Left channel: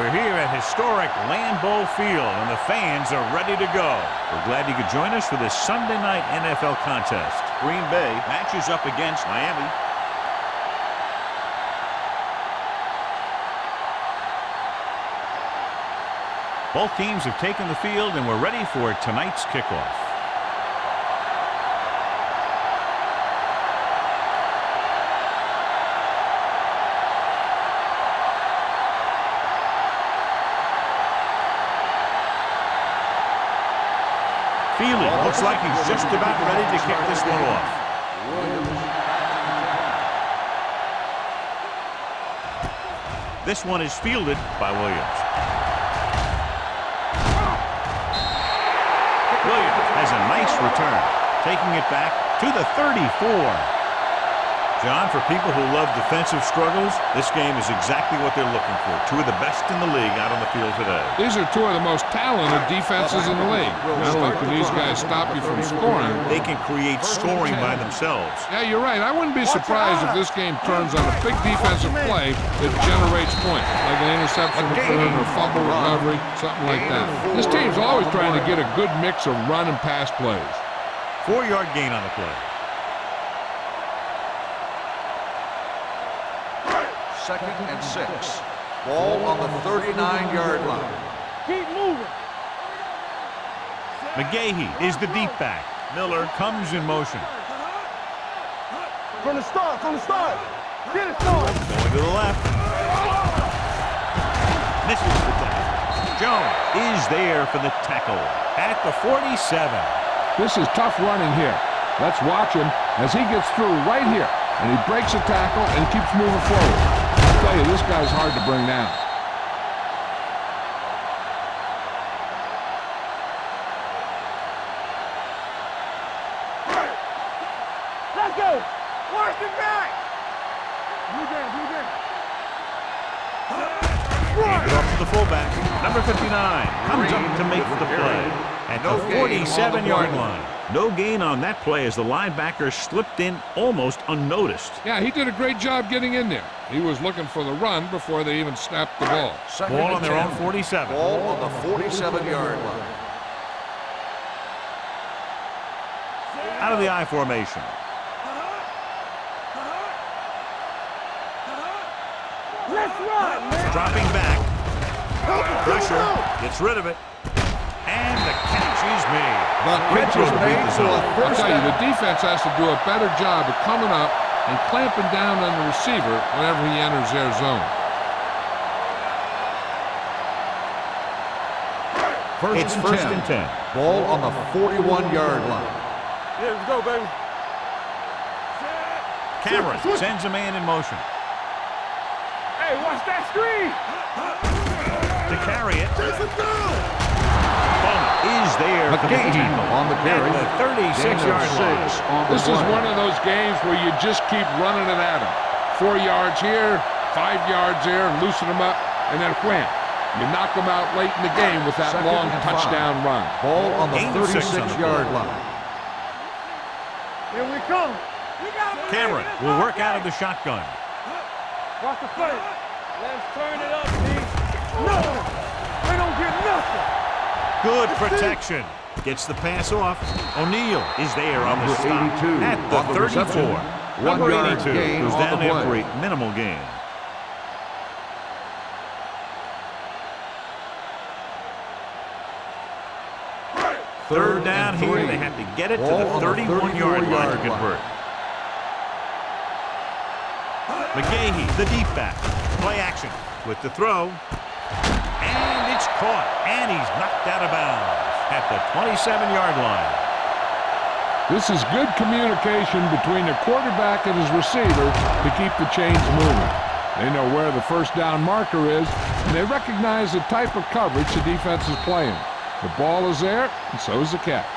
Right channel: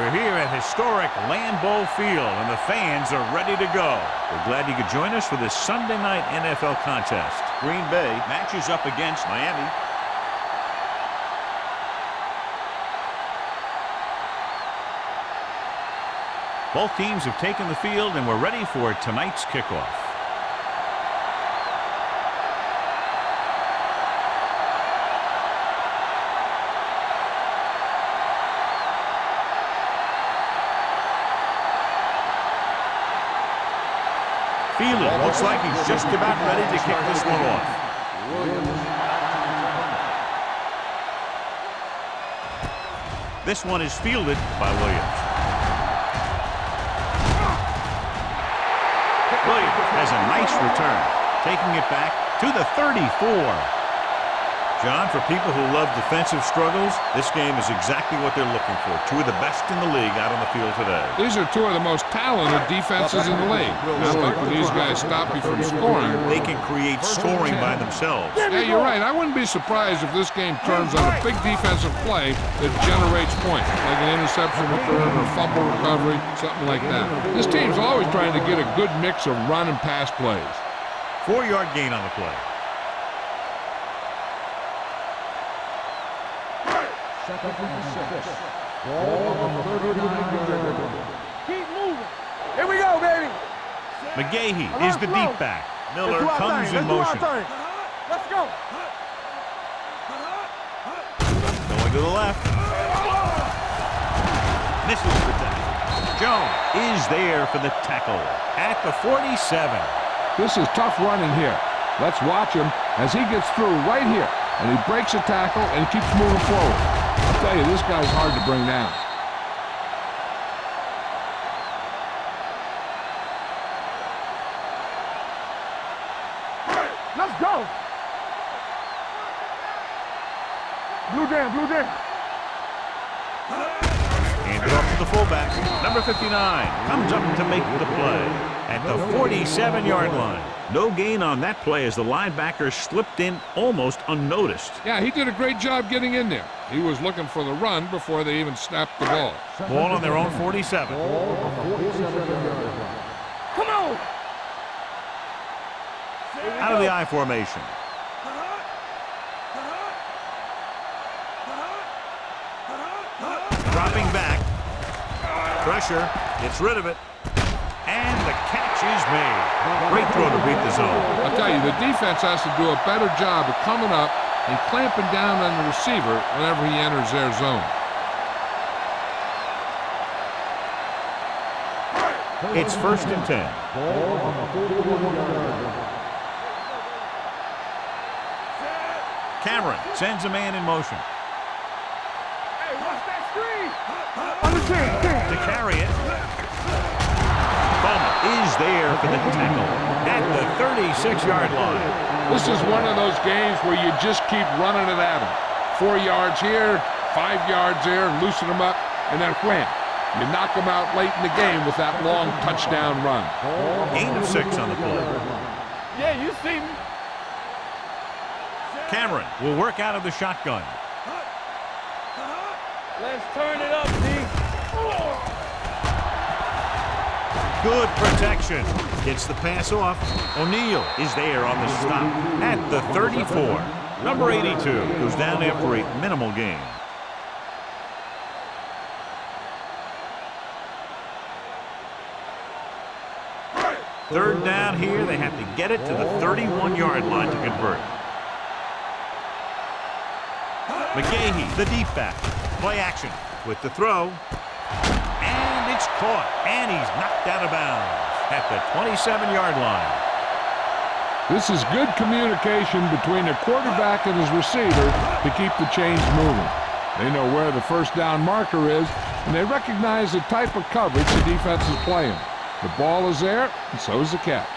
We're here at historic Lambeau Field, and the fans are ready to go. We're glad you could join us for this Sunday night NFL contest. Green Bay matches up against Miami. Both teams have taken the field, and we're ready for tonight's kickoff. Feely looks like he's just about ready to kick this one off. This one is fielded by Williams. Williams has a nice return, taking it back to the 34. John, for people who love defensive struggles, this game is exactly what they're looking for. Two of the best in the league out on the field today. These are two of the most talented defenses in the league. Not only can these guys stop you from scoring, they can create scoring by themselves. Yeah, you're right. I wouldn't be surprised if this game turns on a big defensive play that generates points, like an interception return or fumble recovery, something like that. This team's always trying to get a good mix of run and pass plays. 4-yard gain on the play. Second and 6. Ball on the 39-yard line. Keep moving. Here we go, baby. McGahee is the deep back. Miller comes in motion. Let's go. From the start, from the start. Going to the left. Misses the tackle. Jones is there for the tackle at the 47. This is tough running here. Let's watch him as he gets through right here. And he breaks a tackle and he keeps moving forward. I'll tell you, this guy's hard to bring down. Let's go. Let's go. Watch it back. Blue down, blue down. Handed off to the fullback. Number 59 comes up to make the play at the 47-yard line. No gain on that play as the linebacker slipped in almost unnoticed. Yeah, he did a great job getting in there. He was looking for the run before they even snapped the ball. Ball on their own 47. Ball on the 47-yard line. Come on. Out of the I formation. Dropping back. Pressure. Gets rid of it. And the catch is made. Great throw to beat the zone. I'll tell you, the defense has to do a better job of coming up and clamping down on the receiver whenever he enters their zone. It's first and 10. Ball on the 41-yard line. Here we go, baby. Cameron sends a man in motion. Hey, watch that screen. To carry it. Bowman is there for the tackle at the 36-yard line. This is one of those games where you just keep running it at him. 4 yards here, 5 yards there, and loosen them up, and then wham. You knock them out late in the game with that long touchdown run. Ball on the Gain of 6 on the play. line. Yeah, you see me. Here we come. Cameron will work out of the shotgun. Watch the play. Let's turn it up, D. No. They don't get nothing. Good protection. Gets the pass off. O'Neal is there on the stop at the 34. Number 82 goes down after a minimal gain. Third down here. They have to get it to the 31-yard line to convert. McGahee, the deep back. Play action with the throw. And it's caught. And he's knocked out of bounds at the 27-yard line. This is good communication between the quarterback and his receiver to keep the chains moving. They know where the first down marker is, and they recognize the type of coverage the defense is playing. The ball is there, and so is the catch.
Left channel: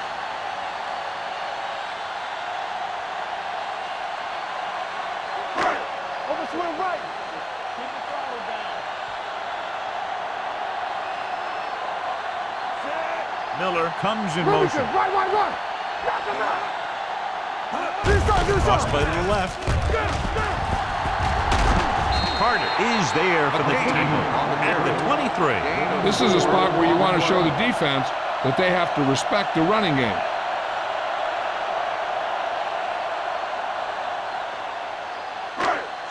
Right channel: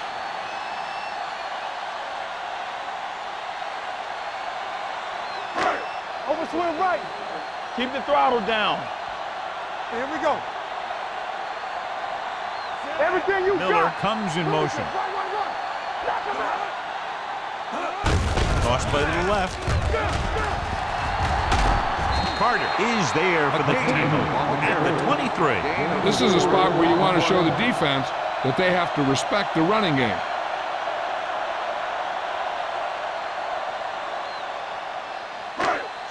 Over swing right. Keep the throttle down. Here we go. Everything you Miller got. comes in motion. Right. Knock him out. Cross play to the left. Carter is there for the tackle at the 23. This is a spot where you want to show the defense that they have to respect the running game.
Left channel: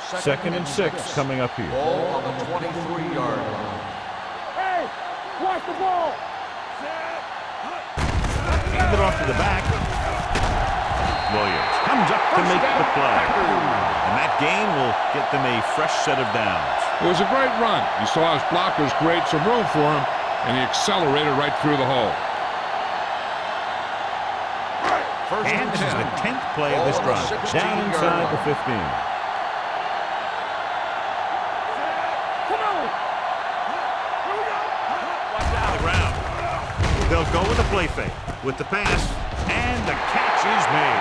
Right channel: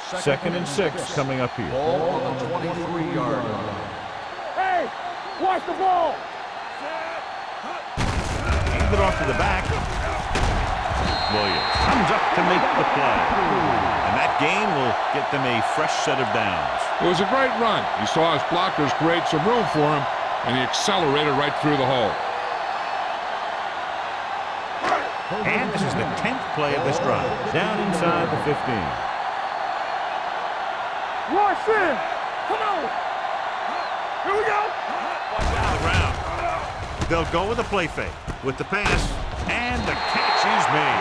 Second and 6 coming up here. Ball on the 23-yard line. Hey, watch the ball. Hand it off to the back. Williams comes up to make the play. And that gain will get them a fresh set of downs. It was a great run. He saw his blockers create some room for him, and he accelerated right through the hole. And this is the 10th play of this drive. Down inside the 15. Watch it. Come on. Here we go. Watch out. Around. They'll go with a play fake. With the pass, and the catch is made.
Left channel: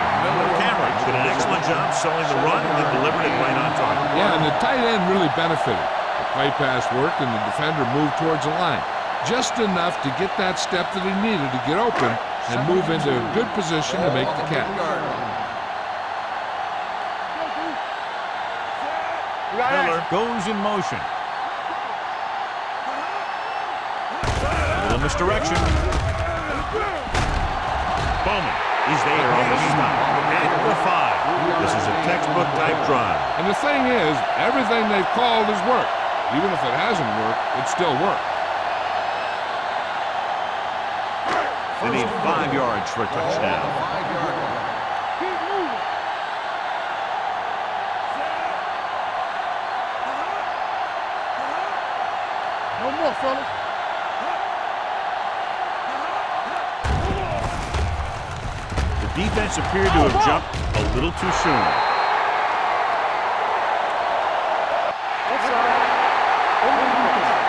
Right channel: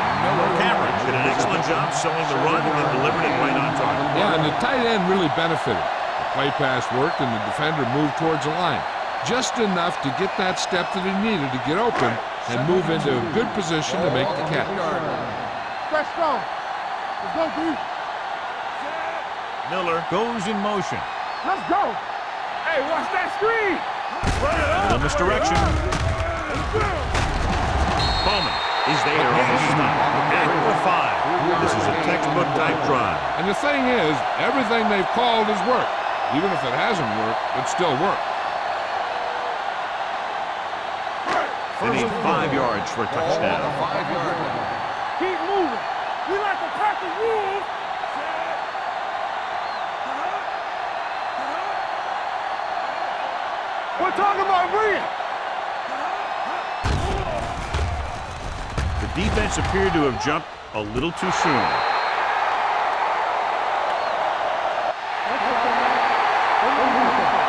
Cameron did an excellent job selling the run and then delivered it right on target. Yeah, and the tight end really benefited. The play pass worked, and the defender moved towards the line. Just enough to get that step that he needed to get open and move into a good position to make the catch. Let's go. Let's go, D. Miller goes in motion. Let's go. Hey, watch that screen. Little misdirection. Bowman is there on the stop at the 5. This is a textbook type drive. And the thing is, everything they've called has worked. Even if it hasn't worked, it still worked. They need 5 yards for a touchdown. 5-yard line. Keep moving. We like to practice rules. No more, fellas. We're talking about real. The defense appeared to have jumped a little too soon.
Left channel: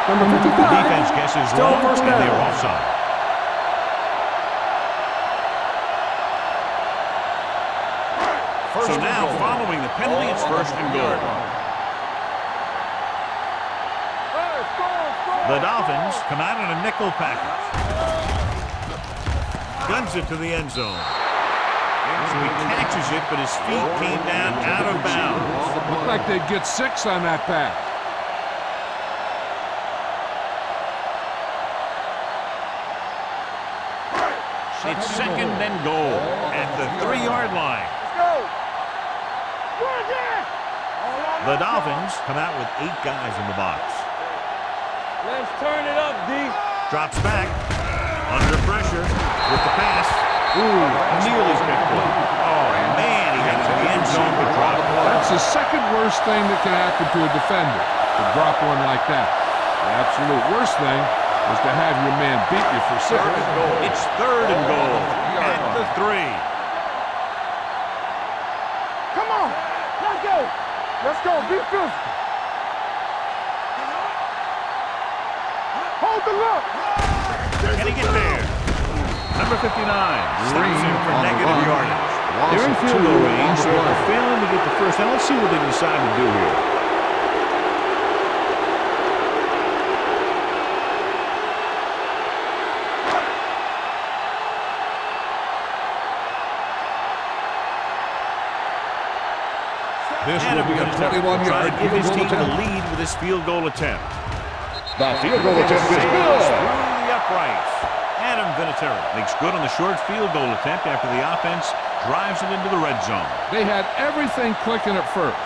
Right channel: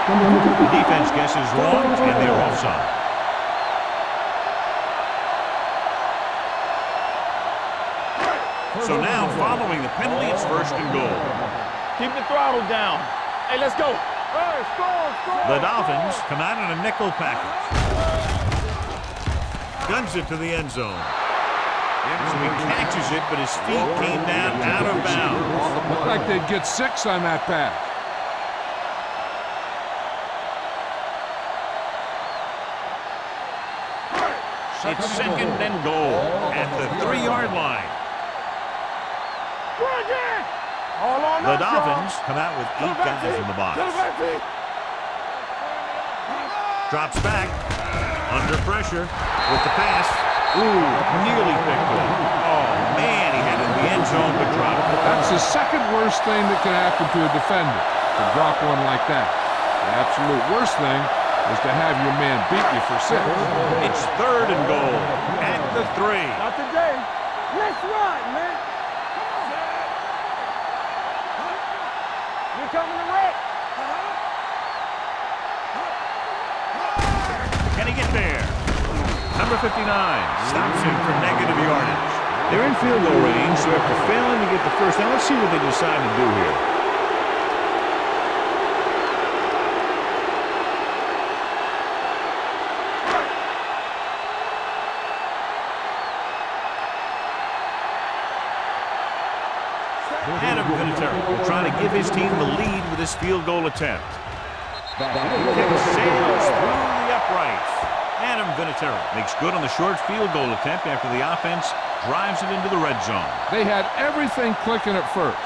The defense guesses wrong, and they're offside. So now, following the penalty, it's first and goal. Keep the throttle down. Hey, let's go. Hey, score. The Dolphins come out in a nickel package. Guns it to the end zone. So he catches it, but his feet came down out of bounds. Looked like they'd get 6 on that pass. It's second and goal at the 3-yard line. The Dolphins come out with 8 guys in the box. Let's turn it up, D. Drops back, under pressure, with the pass. Ooh, nearly picked off. Oh, man, he had it in the end zone, but dropped it. That's the second worst thing that can happen to a defender, to drop one like that. The absolute worst thing is to have your man beat you for 6. It's third and goal at the 3. Let's rock, man. Come on. Let's go. Let's go. Be physical. We're coming to wreck. Hold the look. Can he get there? Number 59 stops him for negative yardage. They're in field goal range, so after failing to get the first down, let's see what they decide to do here. Adam Vinatieri will try to give his team the lead with his field goal attempt. The field goal attempt sails through the uprights. Adam Vinatieri makes good on the short field goal attempt after the offense drives it into the red zone. They had everything clicking at first,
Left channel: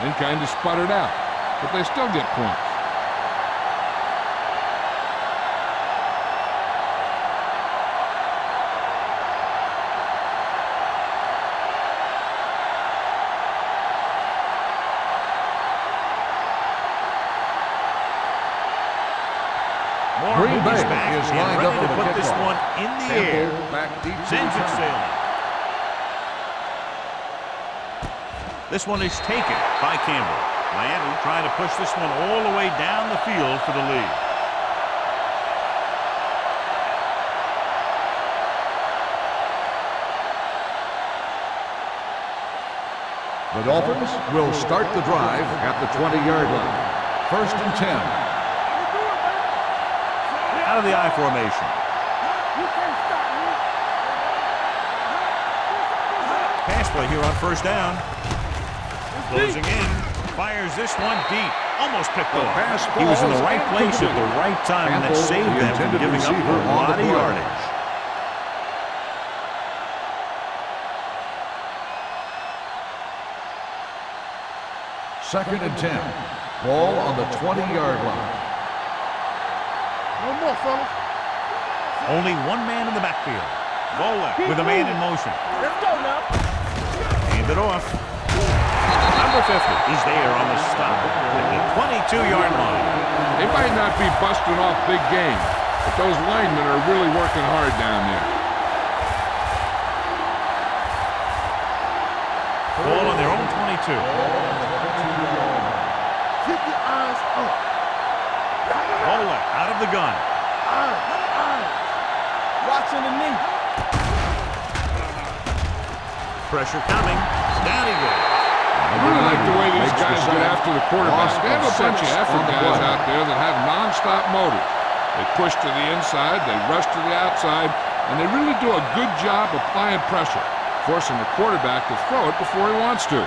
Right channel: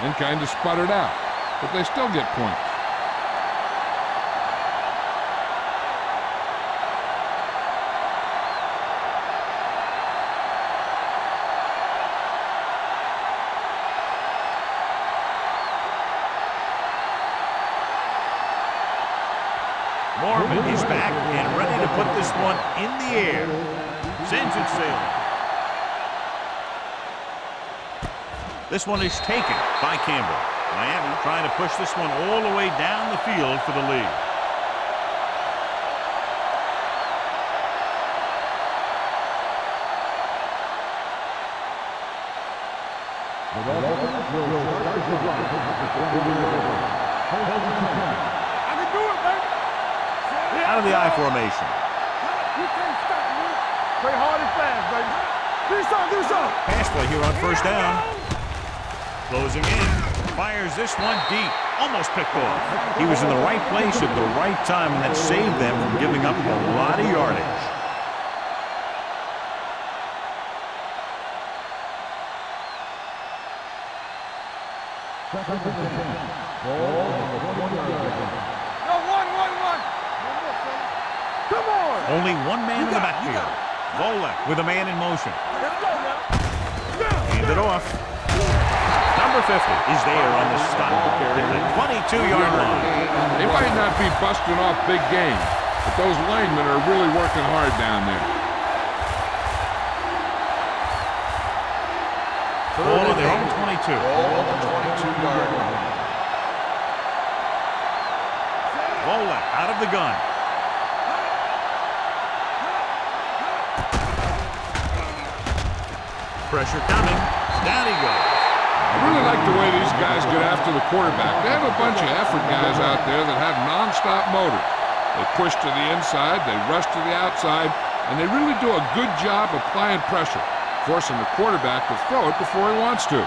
then kind of sputtered out, but they still get points. Mormon is back and ready to put this one in the air. Sends it sailing. This one is taken by Campbell. Miami trying to push this one all the way down the field for the lead. The Dolphins will start the drive at the 20-yard line. First and 10. I can do it, baby. Out of the I formation. You can't stop me. Play hard and fast, baby. Do something. Pass play here on first down. Closing in. Fires this one deep. Almost picked off. He was in the right place at the right time, and that saved them from giving up a lot of yardage. Second and 10. Ball on the 20-yard line. No, one. No more, fellas. Come on. Only one man in the backfield. Volek with a man in motion. Let's go now. Hand it off. Number 50 is there on the stop at the 22-yard line. They might not be busting off big games, but those linemen are really working hard down there. Ball on their own 22. Ball on the 22-yard line. Keep your eyes up. Volek out of the gun. Watching the knee. Pressure coming. Down he goes. I really like the way these guys get after the quarterback. They have a bunch of effort guys out there that have nonstop motors. They push to the inside, they rush to the outside, and they really do a good job applying pressure, forcing the quarterback to throw it before he wants to.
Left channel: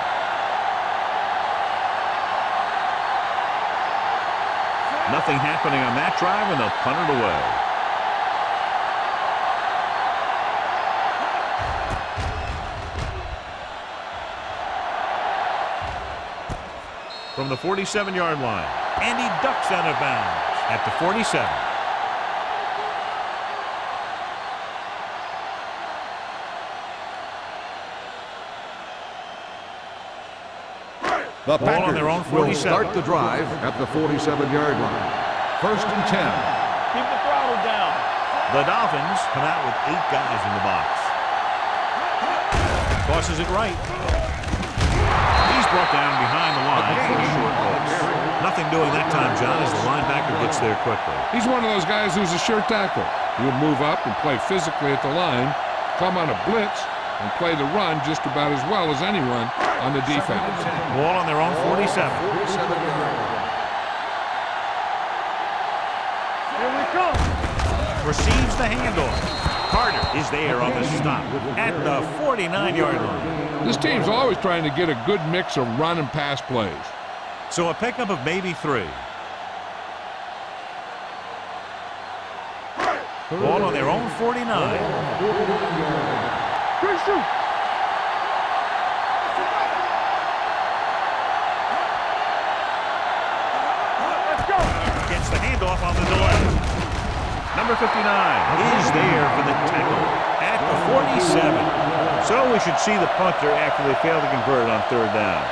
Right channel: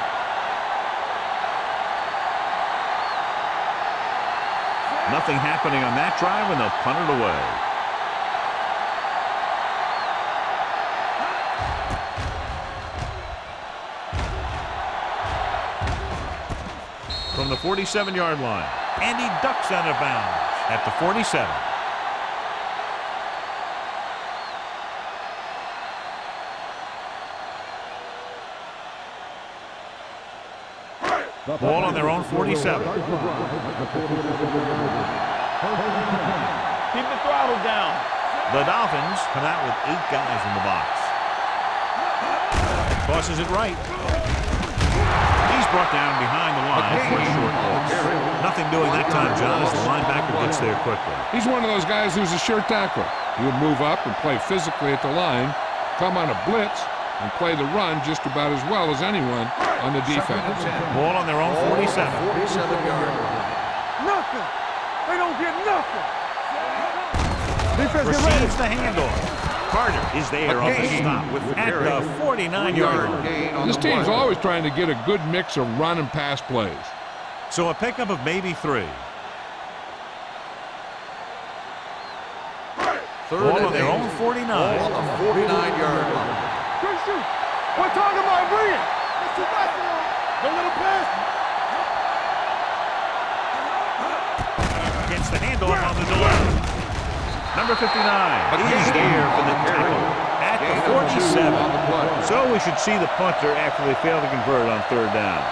Nothing happening on that drive, and they'll punt it away. From the 47-yard line, and he ducks out of bounds at the 47. The Ball on their own 47. will start the drive at the 47-yard line. First and 10. Keep the throttle down. The Dolphins come out with 8 guys in the box. Tosses it right. He's brought down behind the line for a short loss. Nothing doing that time, John, as the linebacker gets there quickly. He's one of those guys who's a sure tackler. He'll move up and play physically at the line, come on a blitz, and play the run just about as well as anyone on the defense. Ball on their own 47. 47-yard line. Nothing. They don't get nothing. Receives the handoff. Carter is there on the stop at the 49-yard line. This team's always trying to get a good mix of run and pass plays. So a pickup of maybe 3. Ball on their own 49. 49-yard line. Good shoot. We're talking about William. Let's see basketball. The little pass. Let's go. Gets the handoff on the delay. Number 59 is there for the tackle at the 47. So we should see the punter after they fail to convert on 3rd down.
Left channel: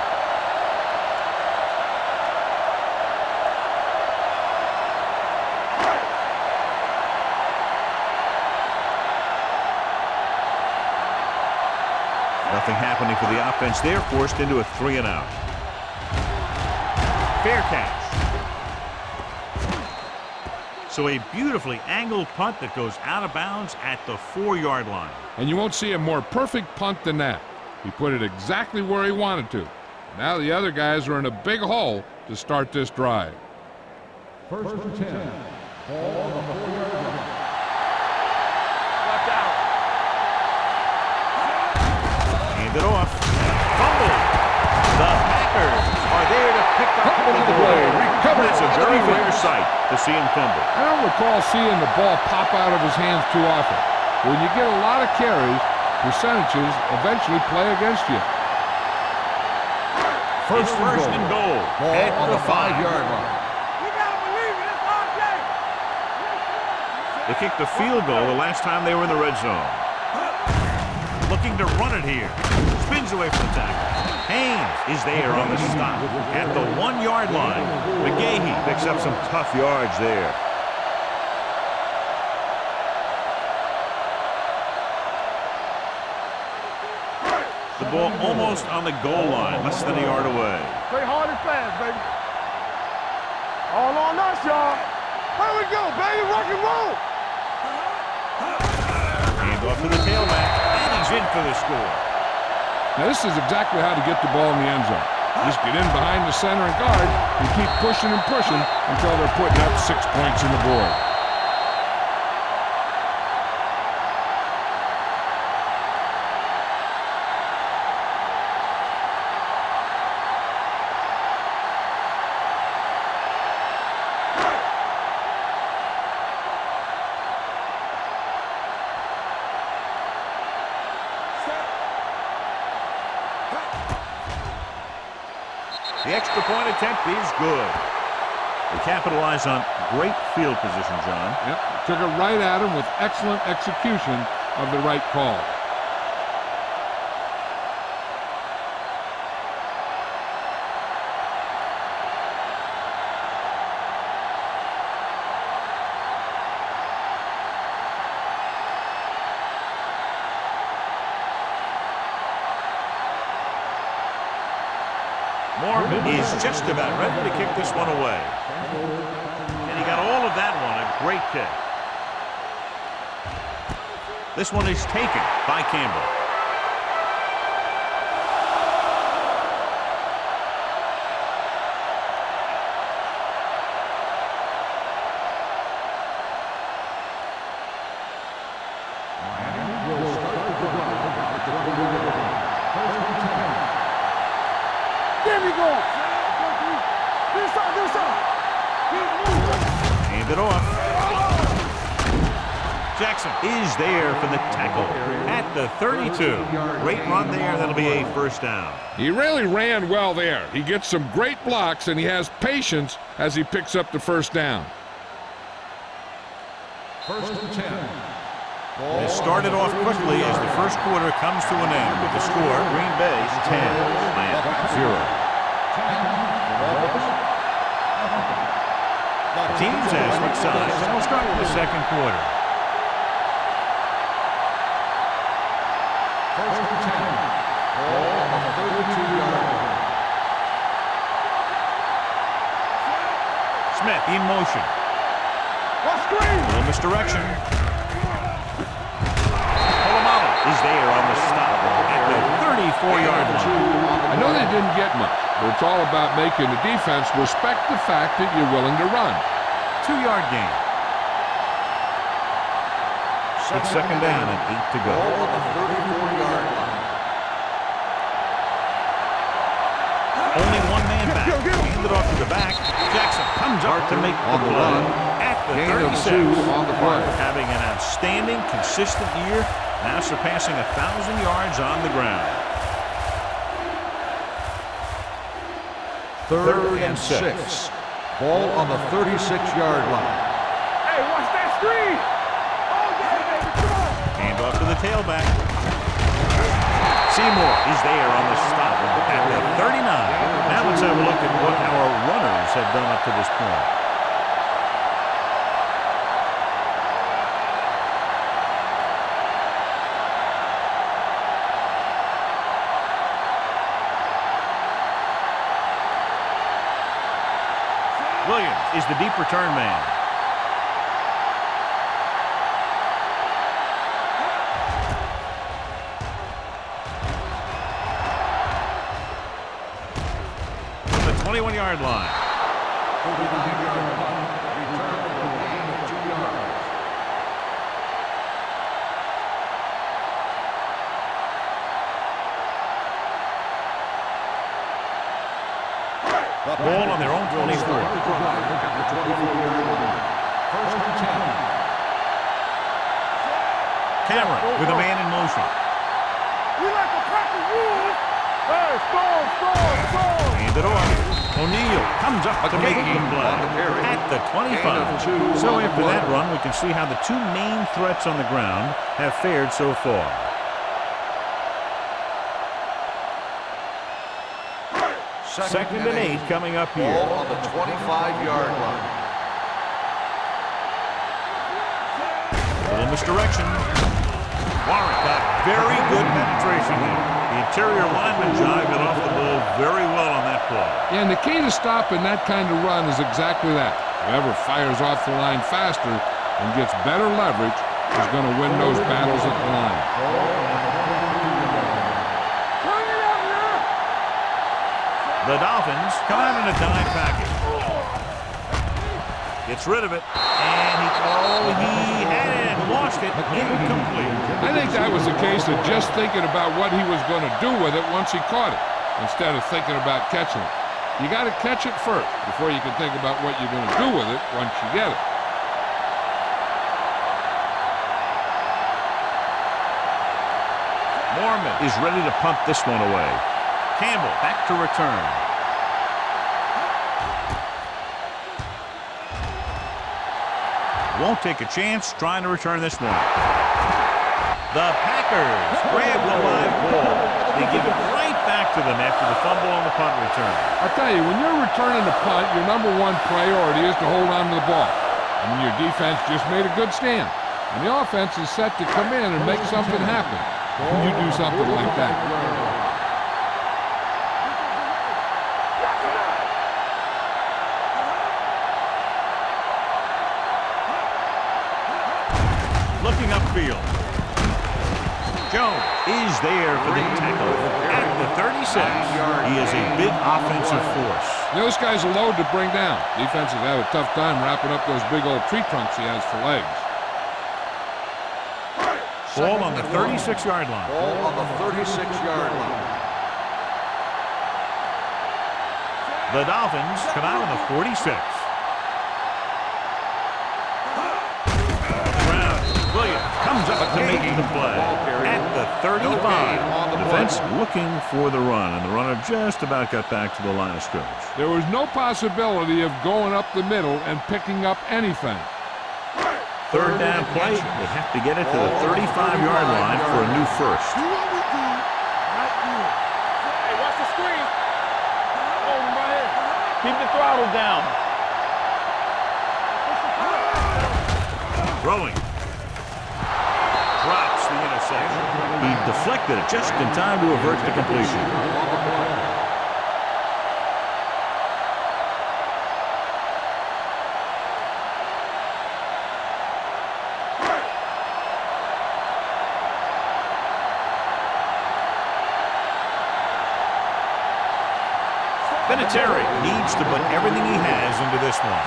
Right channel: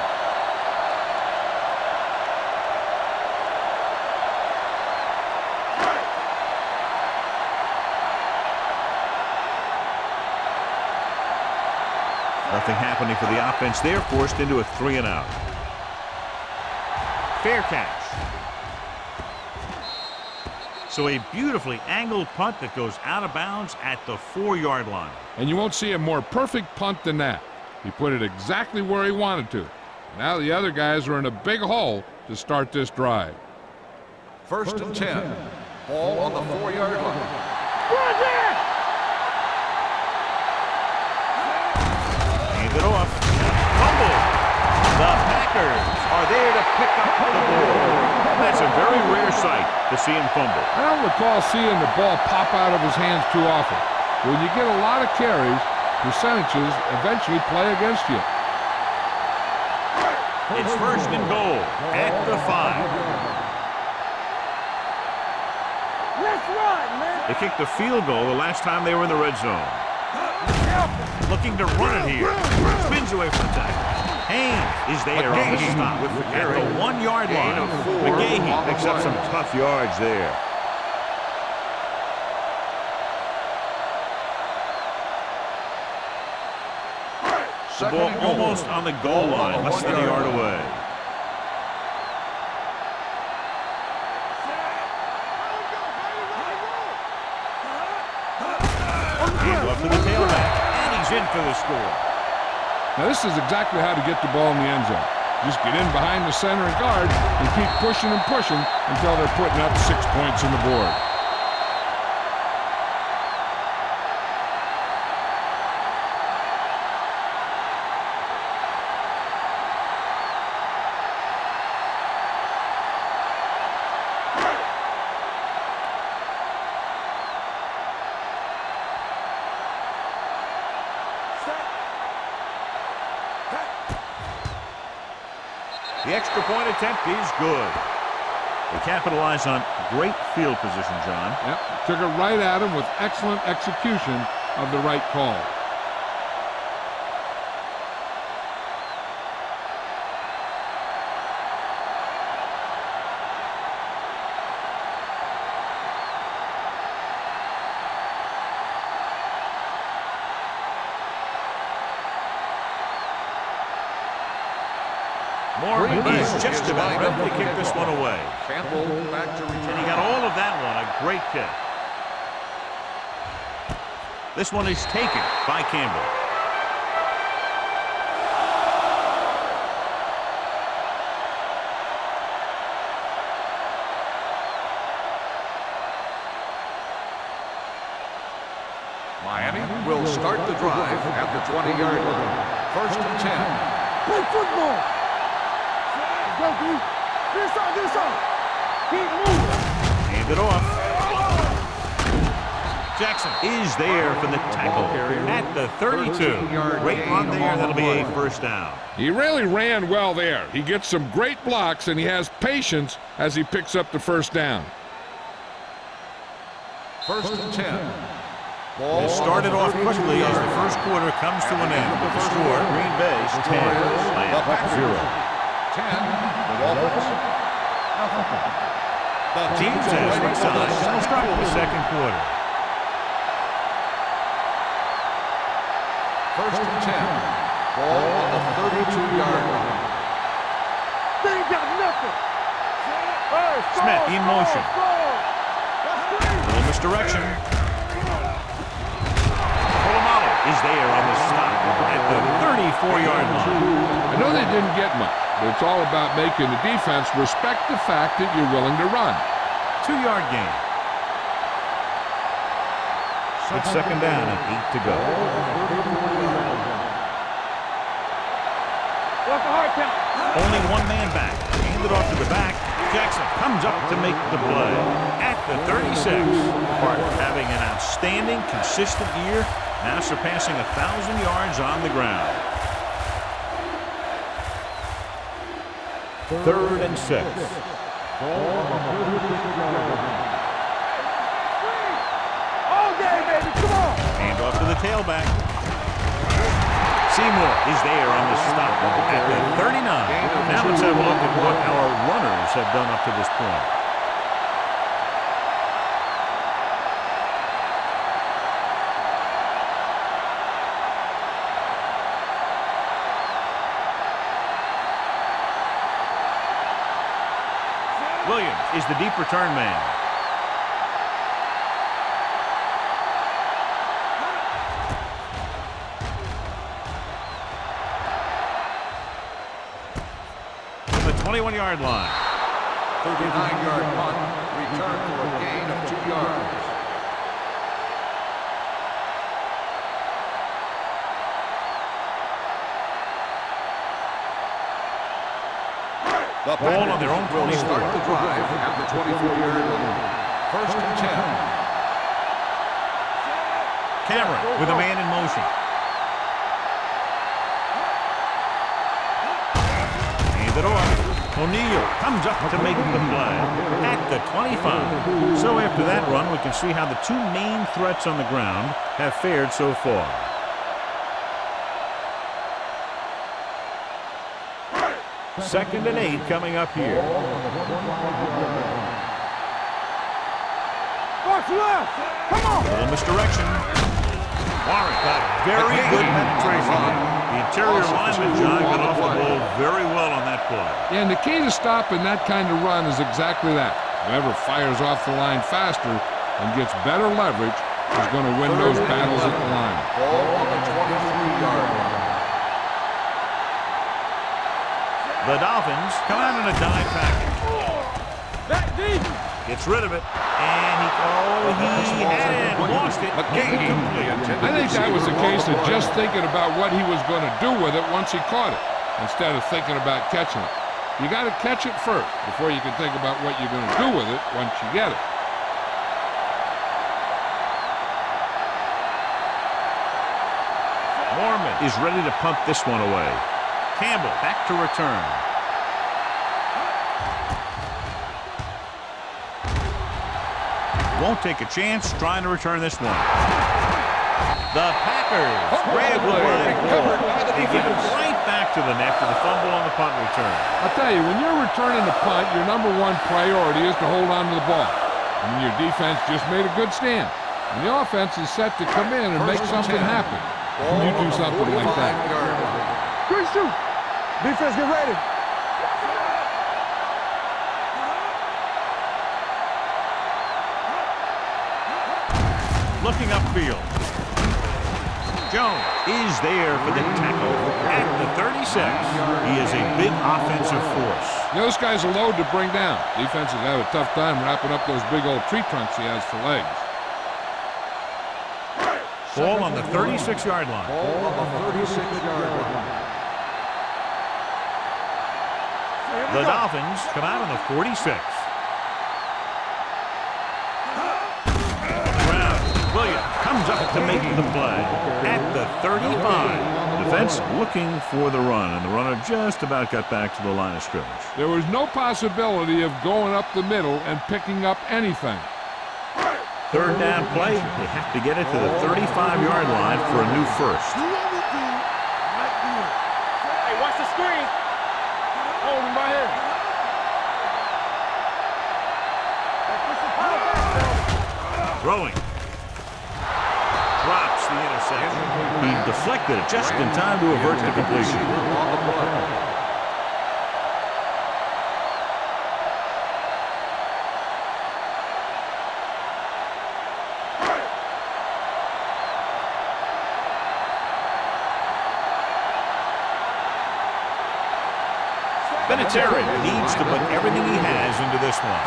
Nothing happening for the offense. They're forced into a 3-and-out. Fair catch. So a beautifully angled punt that goes out of bounds at the 4-yard line. And you won't see a more perfect punt than that. He put it exactly where he wanted to. Now the other guys are in a big hole to start this drive. First and 10. Ball on the 4-yard line. Hand it off. Fumble. The Packers are there to pick up the ball. That's a very rare sight to see him fumble. I don't recall seeing the ball pop out of his hands too often. When you get a lot of carries, percentages eventually play against you. It's first and goal at the 5. They kicked the field goal the last time they were in the red zone. Looking to run it here. Spins away from the tackle. Haynes is there on the stop at the 1-yard line. McGahee picks up some tough yards there. The ball almost on the goal line, less than a yard away. Play hard and fast, baby. All on us, y'all. Here we go, baby. Rock and roll. Hand off to the tailback, and he's in for the score. Now this is exactly how to get the ball in the end zone. Just get in behind the center and guard and keep pushing and pushing until they're putting up 6 points on the board. The extra point attempt is good. They capitalize on great field position, John. Yep, took it right at him with excellent execution of the right call. Mormon is just about ready to kick this one away. And he got all of that one, a great kick. This one is taken by Campbell. Miami will start the drive at the 20-yard line. First and 10. Play football. There we go. Let's go, D. This side. Keep moving. Hand it off. Jackson is there for the tackle at the 32. Great run there. That'll be a first down. He really ran well there. He gets some great blocks, and he has patience as he picks up the first down. First and 10. It started off quickly as the first quarter comes to an end with the score Green Bay's 10, Rams 0. 10, the Dolphins, nothing. The teams have switched sides and will start the second quarter. First and 10. Ball on the 32-yard line. They ain't got nothing. Smith in motion. Watch screen. Little misdirection. Polamalu is there on the stop at the 34-yard line. I know they didn't get much, but it's all about making the defense respect the fact that you're willing to run. 2-yard gain. It's second down and 8 to go. Ball on the 34-yard line. What's the hard count? Only one man back. Hand it off to the back. Jackson comes up to make the play at the 36. Having an outstanding, consistent year, now surpassing 1,000 yards on the ground. Third and 6. Ball on the 36-yard line. Hey, watch that screen. All day, baby. Come on. Hand off to the tailback. Seymour is there on the stop at the 39. Now let's have a look at what our runners have done up to this point. Williams is the deep return man. From the 21-yard line. 39-yard punt, return for a gain of 2 yards. The ball on their own will 24. start the drive at the 24-yard line. First and 10. Cameron with a man in motion. We like to practice rules. Hey, score. Hand it off. O'Neal comes up to make the play at the 25. So after that run, we can see how the two main threats on the ground have fared so far. Second and 8 coming up here. Ball on the 25-yard line. Watch left. Come on. Little misdirection. Warren got very good penetration there. The interior lineman, John, got off the ball very well on that play. Yeah, and the key to stopping that kind of run is exactly that. Whoever fires off the line faster and gets better leverage is going to win those battles at the line. Ball on the 23-yard line. The Dolphins come out in a dime package. Gets rid of it, and he had it and lost it. Incomplete. I think that was a case of just thinking about what he was going to do with it once he caught it, instead of thinking about catching it. You got to catch it first before you can think about what you're going to do with it once you get it. Mormon is ready to punt this one away. Campbell back to return. Won't take a chance trying to return this one. The Packers grab the live ball. They give it right back to them after the fumble on the punt return. I'll tell you, when you're returning a punt, your #1 priority is to hold on to the ball. I mean, your defense just made a good stand. And the offense is set to come in and make something happen. When you do something like that. Good shoot. Defense, get ready. Looking upfield. Jones is there for the tackle at the 36. He is a big offensive force. Those guys are loaded to bring down. Defenses have a tough time wrapping up those big old tree trunks he has for legs. Ball on the 36-yard line. Ball on the 36-yard line. The Dolphins come out on the 46. Williams comes up to make the play at the 35. Defense looking for the run, and the runner just about got back to the line of scrimmage. There was no possibility of going up the middle and picking up anything. Third down play, they have to get it to the 35-yard line for a new first. Do what we do right here. Hey, watch the screen. Hold him right here. Keep the throttle down. Push the power back, Throwing. Drops the interception. He deflected it just in time to avert the completion. On the play. Vinatieri needs to put everything he has into this one.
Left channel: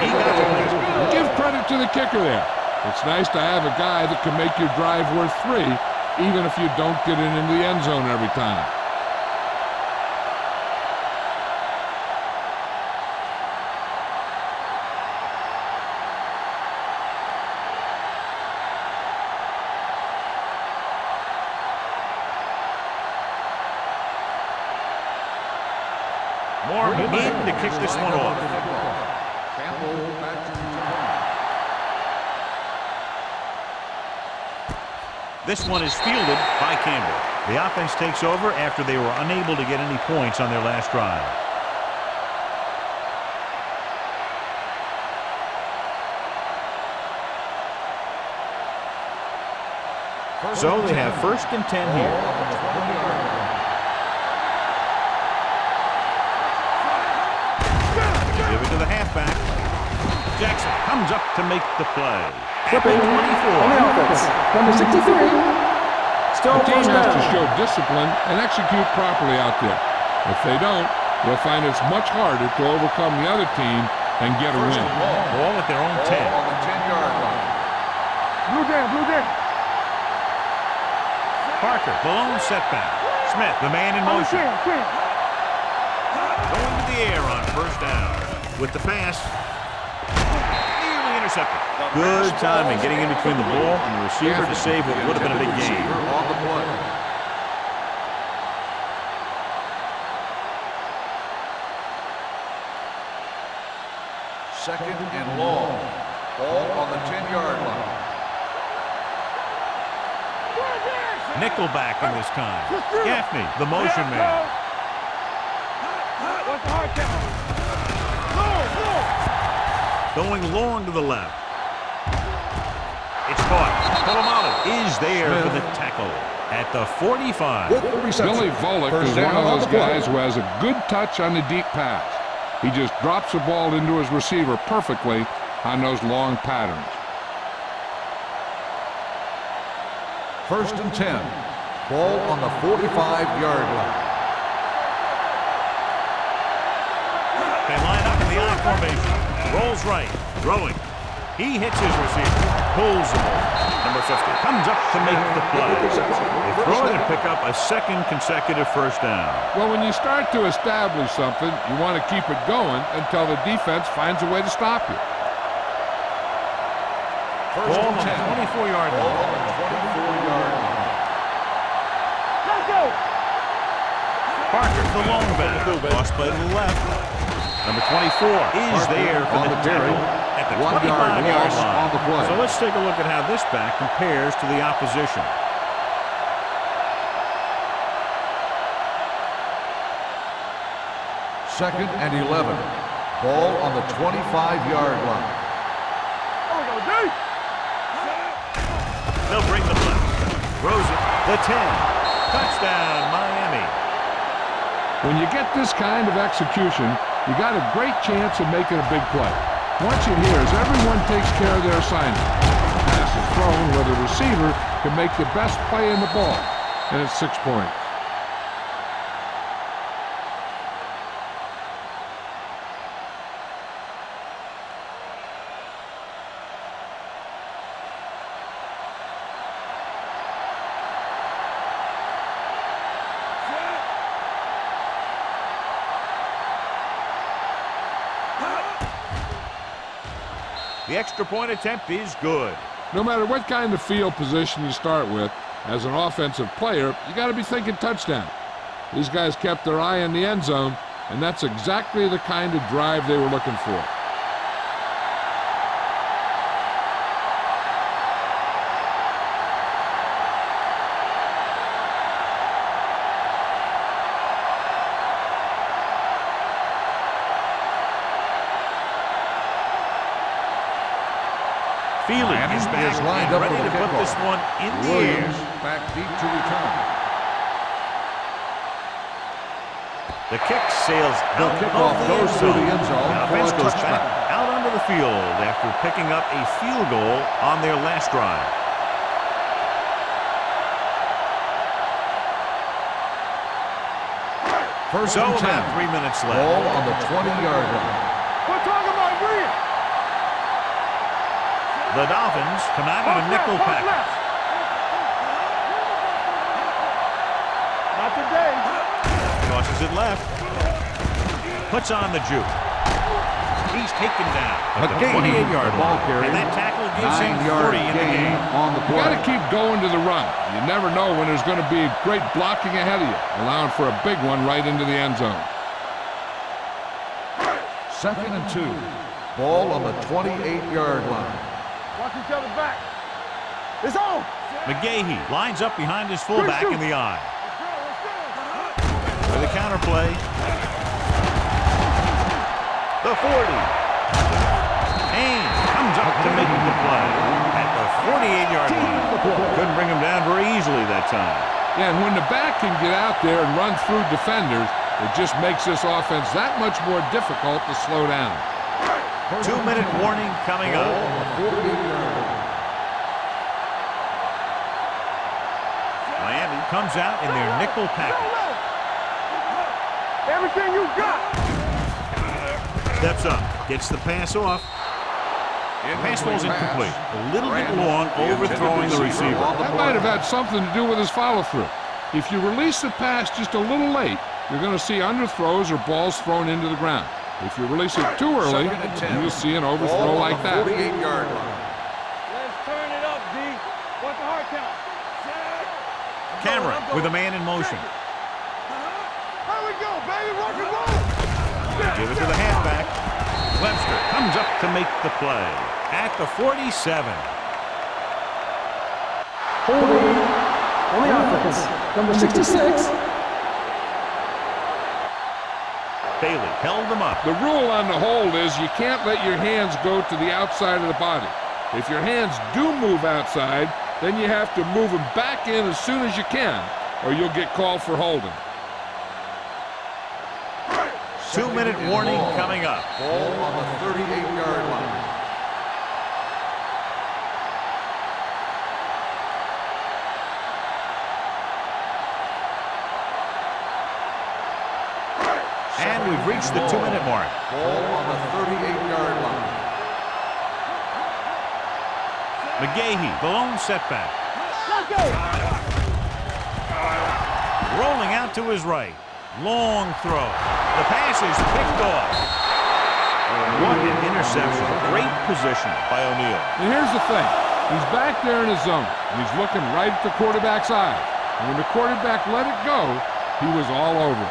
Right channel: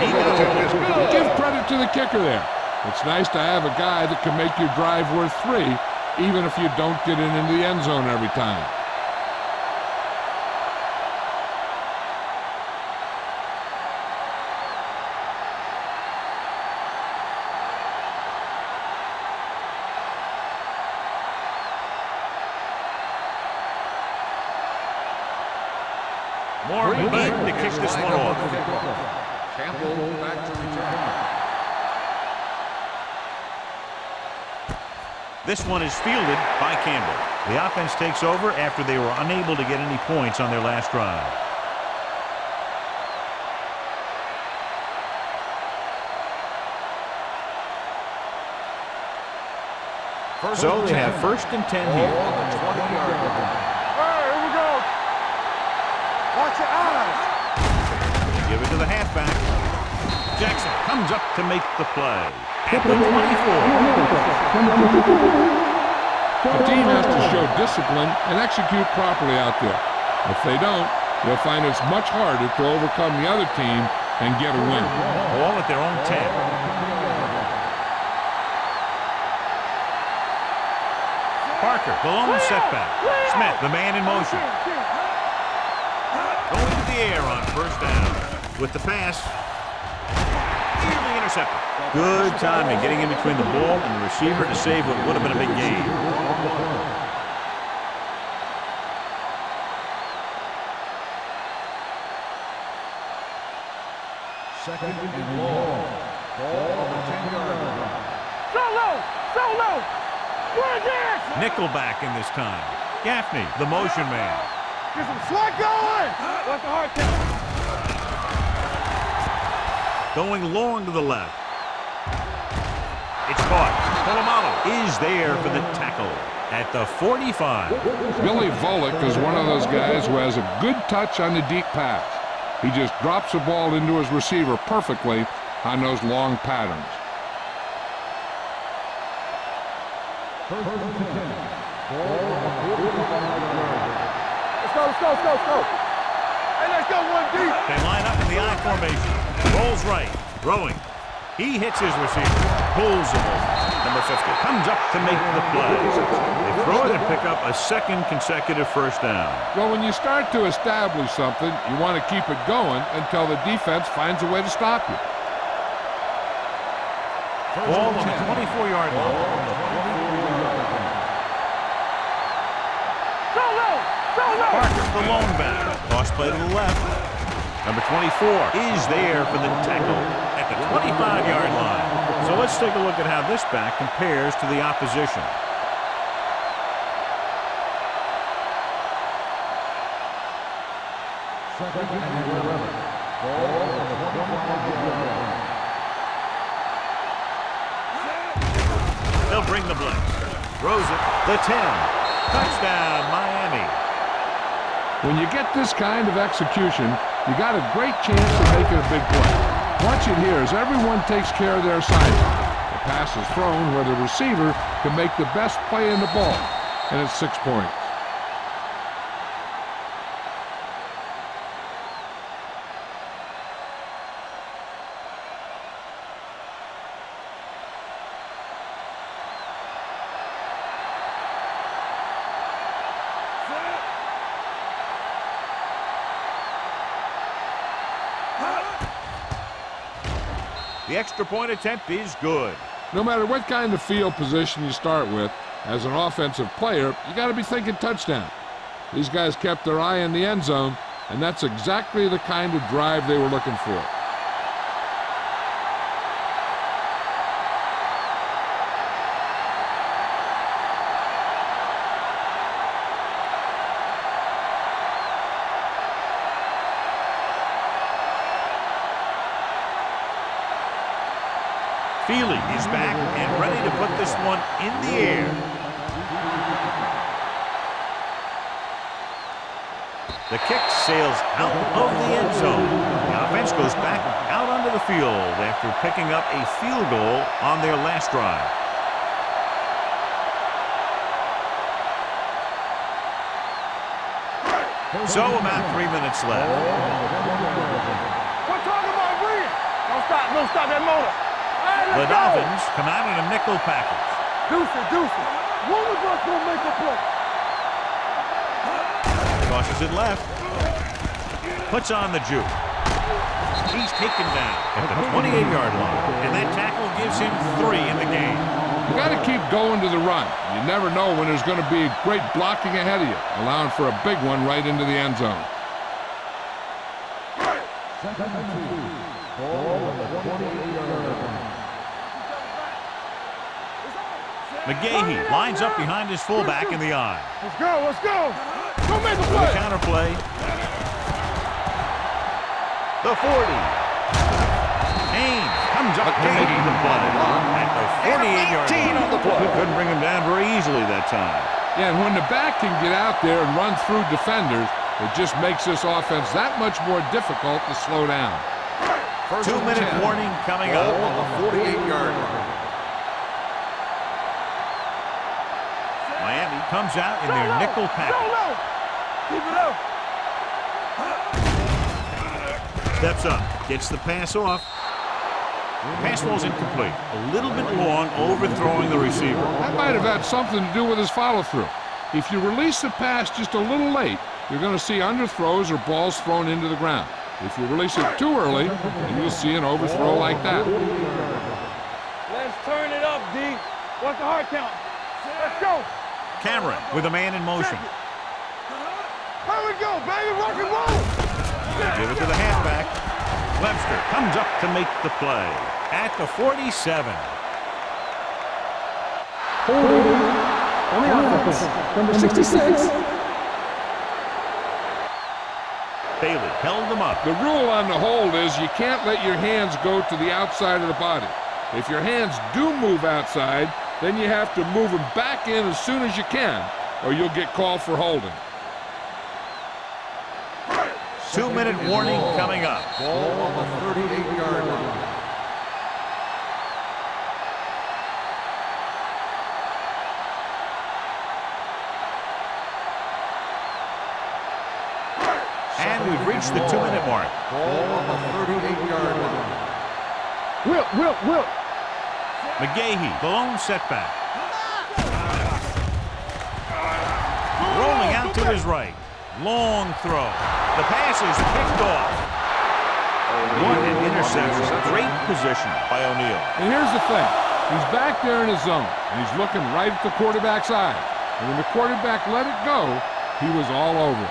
He got it. Give credit to the kicker there. It's nice to have a guy that can make your drive worth 3, even if you don't get it into the end zone every time. More needing to kick this one off. Campbell back to return. This one is fielded by Campbell. The offense takes over after they were unable to get any points on their last drive. So they have 1st and 10 here. On the 20-yard line. Watch your eyes. They give it to the halfback. Jackson comes up to make the play at the 24. Number 63. Still The team has to show discipline and execute properly out there. If they don't, they'll find it's much harder to overcome the other team and get a win. Ball at their own 10. On the 10-yard line. Blue down, blue down. Parker, the lone setback. Smith, the man in motion. Going to the air on 1st down. With the pass, nearly intercepted. Good timing getting in between the ball and the receiver to save what would have been a big gain. On the play. Second and long. Ball on the 10-yard line. Nickelback in this time. Gaffney, the motion man. What's the hard count? Going long to the left. It's caught. Polamalu is there for the tackle at the 45. Billy Volek is one of those guys who has a good touch on the deep pass. He just drops the ball into his receiver perfectly on those long patterns. 1st and 10. Ball on the 45-yard line. Let's go. They line up in the I formation. Rolls right. Throwing. He hits his receiver. Pulls him over. Number 50 comes up to make the play. They throw it and pick up a 2nd consecutive 1st down. Well, when you start to establish something, you want to keep it going until the defense finds a way to stop you. Ball on the 24-yard Ball line. on the 24-yard line. Parker, the lone back. Toss play to the left. Number 24 is there for the tackle at the 25-yard line. So let's take a look at how this back compares to the opposition. Second and 11. Ball on the 25-yard line. They'll bring the blitz. Throws it. The 10. Touchdown, Miami. When you get this kind of execution, you got a great chance of making a big play. Watch it here as everyone takes care of their assignment. The pass is thrown where the receiver can make the best play in the ball, and it's 6 points. The extra point attempt is good. No matter what kind of field position you start with, as an offensive player, you got to be thinking touchdown. These guys kept their eye on the end zone, and that's exactly the kind of drive they were looking for. Feely is back and ready to put this one in the air. Back deep to return. The kick sails out of the end zone. The offense goes back out onto the field after picking up a field goal on their last drive. So about 3 minutes left. Ball on the 20-yard line. We're talking about breathing. Don't stop that motor. The Dolphins come out in a nickel package. Deuce it. When we gonna go make a play? Not today. Tosses it left. Puts on the juke. He's taken down at the 28-yard line. And that tackle gives him 3 in the game. You got to keep going to the run. You never know when there's going to be great blocking ahead of you, allowing for a big one right into the end zone. Second and 2. Ball on the 28-yard line. Watch each other back. It's on. McGahee lines up behind his fullback in the eye. Let's go. For the counterplay. The 40. Haynes comes up to make the play at the 48-yard line. Couldn't bring him down very easily that time. Yeah, and when the back can get out there and run through defenders, it just makes this offense that much more difficult to slow down. 2-minute warning coming up. Miami comes out in their nickel package. Everything you got. Steps up, gets the pass off. The pass falls incomplete. A little bit long, overthrowing the receiver. That might have had something to do with his follow-through. If you release the pass just a little late, you're going to see underthrows or balls thrown into the ground. If you release it too early, then you'll see an overthrow like that. Let's turn it up, D. What's the hard count? Let's go. Cameron with a man in motion. Here we go, baby. Rock and roll. They give it to the halfback. Webster comes up to make the play at the 47. Holding on the offense. Number 66. Bailey held them up. The rule on the hold is you can't let your hands go to the outside of the body. If your hands do move outside, then you have to move them back in as soon as you can, or you'll get called for holding. 2-minute warning coming up. Ball on the 38-yard line. And we've reached the 2-minute mark. Ball on the 38-yard line. Will. McGahee, the lone setback. Rolling out to his right. Long throw. The pass is picked off. What an interception. Great position by O'Neal. And here's the thing. He's back there in his zone, and he's looking right at the quarterback's eyes. And when the quarterback let it go, he was all over it.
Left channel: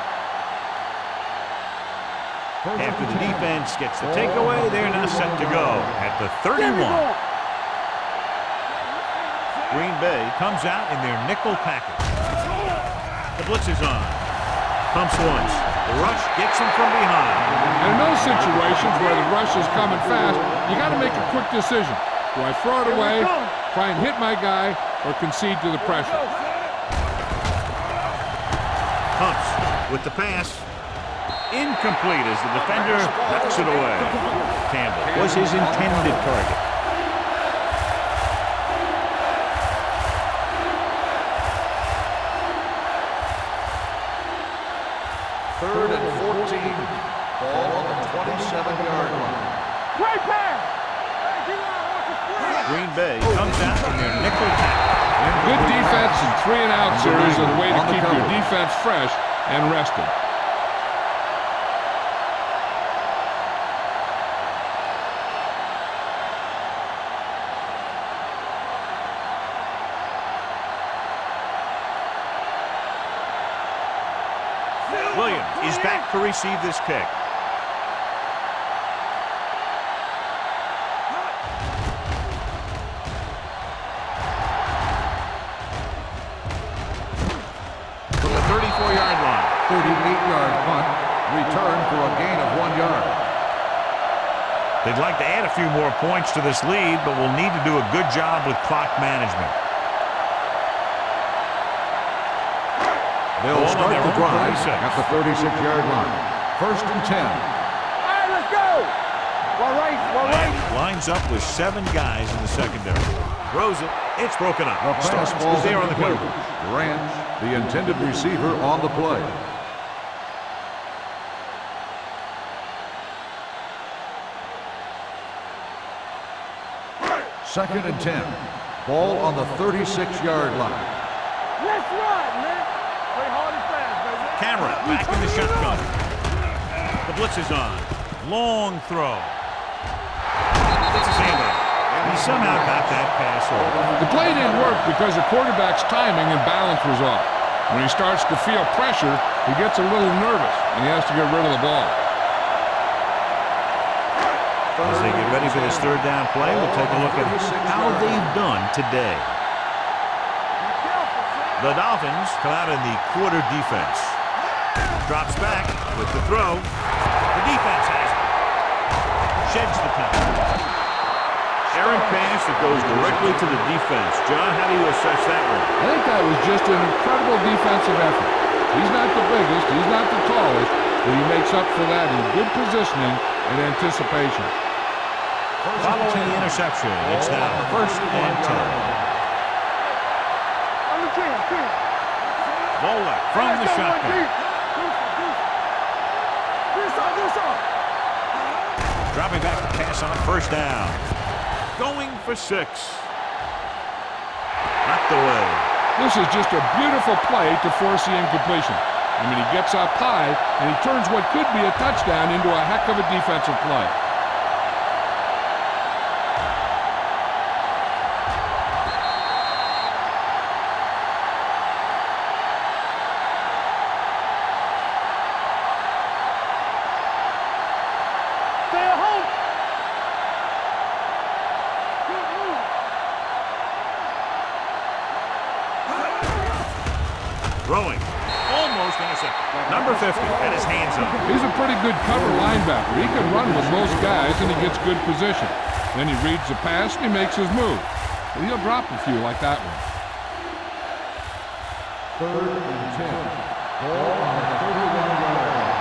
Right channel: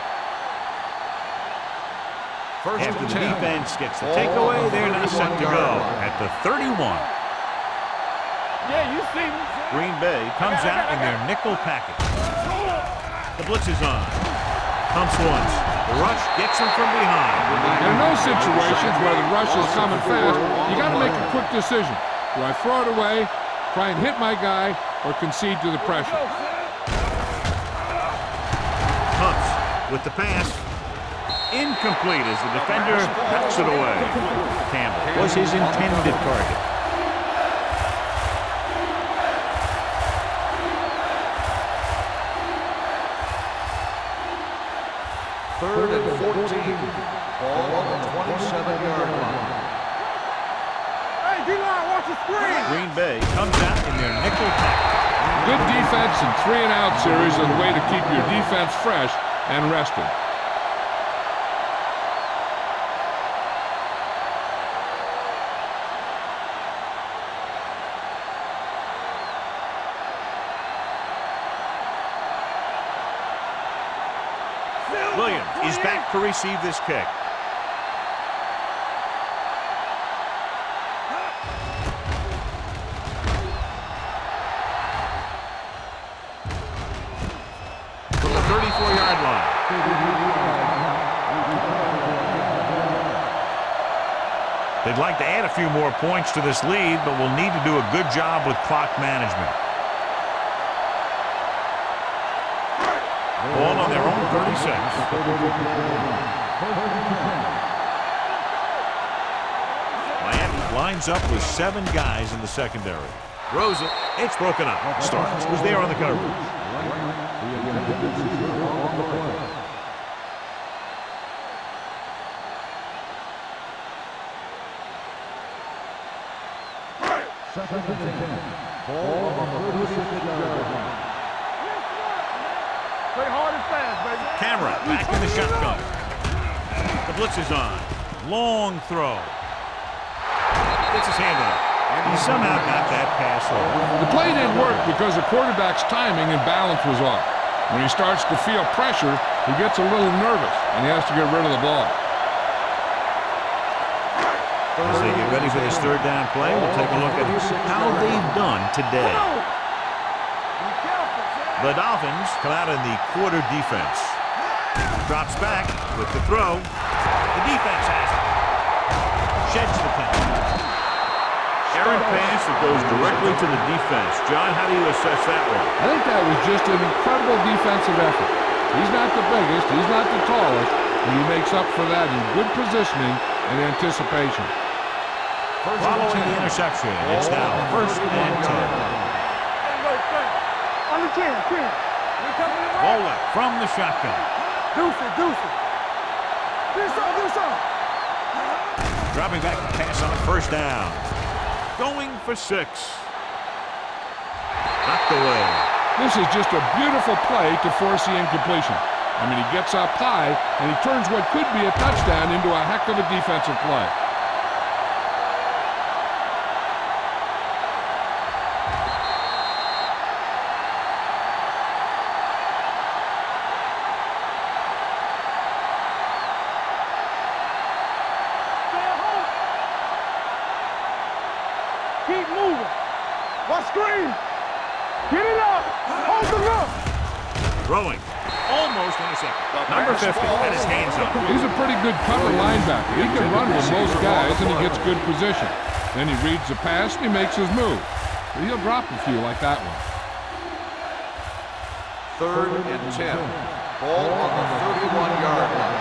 After the defense gets the takeaway, they're now set to go at the 31. Green Bay comes out in their nickel package. The blitz is on. Pumps once. The rush gets him from behind. And in those situations where the rush is coming fast, you got to make a quick decision. Do I throw it away, try and hit my guy, or concede to the pressure? Pumps with the pass. Incomplete as the defender knocks it away. Campbell was his intended target. Third and 14. Ball on the 27-yard line. Hey, D-line, watch the screen. Green Bay comes out in their nickel package. Good defense and 3-and-out series are the way to keep your defense fresh and rested. Williams is back to receive this kick. From the 34-yard line. 38-yard punt. Return for a gain of 1 yard. They'd like to add a few more points to this lead, but will need to do a good job with clock management. Ball on their own 36. At the 36-yard line. First and 10. Miami lines up with 7 guys in the secondary. Throws it. It's broken up. Starks was there on the coverage. Rams, the intended receiver on the play. Second and 10. Ball on the 36-yard line. Let's run, man. Play hard and fast, baby. Camera back in the shotgun. The blitz is on. Long throw. Gets his hand on it. He somehow got that pass off. The play didn't work because the quarterback's timing and balance was off. When he starts to feel pressure, he gets a little nervous, and he has to get rid of the ball. As they get ready for this third down play, we'll take a look at how they've done today. The Dolphins come out in the quarter defense. Drops back with the throw. The defense has it. Sheds the penalty. Errant pass that goes directly to the defense. John, how do you assess that one? I think that was just an incredible defensive effort. He's not the biggest, he's not the tallest, but he makes up for that in good positioning and anticipation. Following the interception, it's now first and 10. Under 10. Bola from the shotgun. Deuce it. This on. Dropping back to pass on first down. Going for 6. Knocked away. This is just a beautiful play to force the incompletion. I mean, he gets up high, and he turns what could be a touchdown into a heck of a defensive play. Stay at home. Keep moving. Watch screen. Get it up. Throwing. Almost intercepted. Number 50 had his hands on it. He's a pretty good cover linebacker. He can run with most guys, and he gets good position. Then he reads the pass, and he makes his move. But he'll drop a few like that one. Third and 10. Ball on the 31-yard line.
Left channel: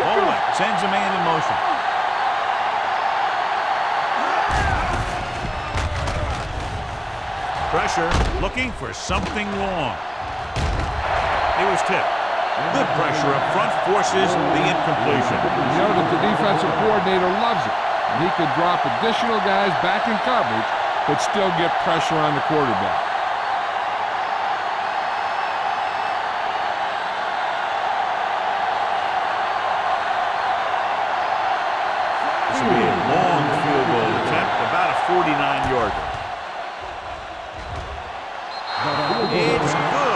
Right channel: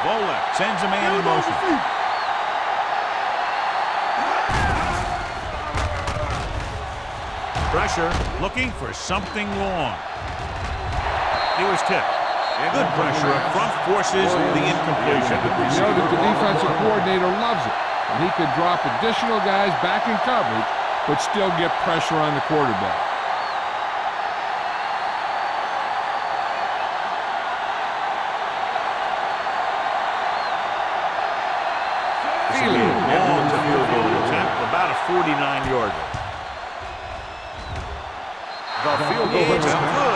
Bolek sends a man in motion. Pressure, looking for something long. He was tipped. Good pressure up front forces the incompletion. You know that the defensive coordinator loves it. And he could drop additional guys back in coverage, but still get pressure on the quarterback. This will be a long field goal attempt, about a 49-yarder. It's good.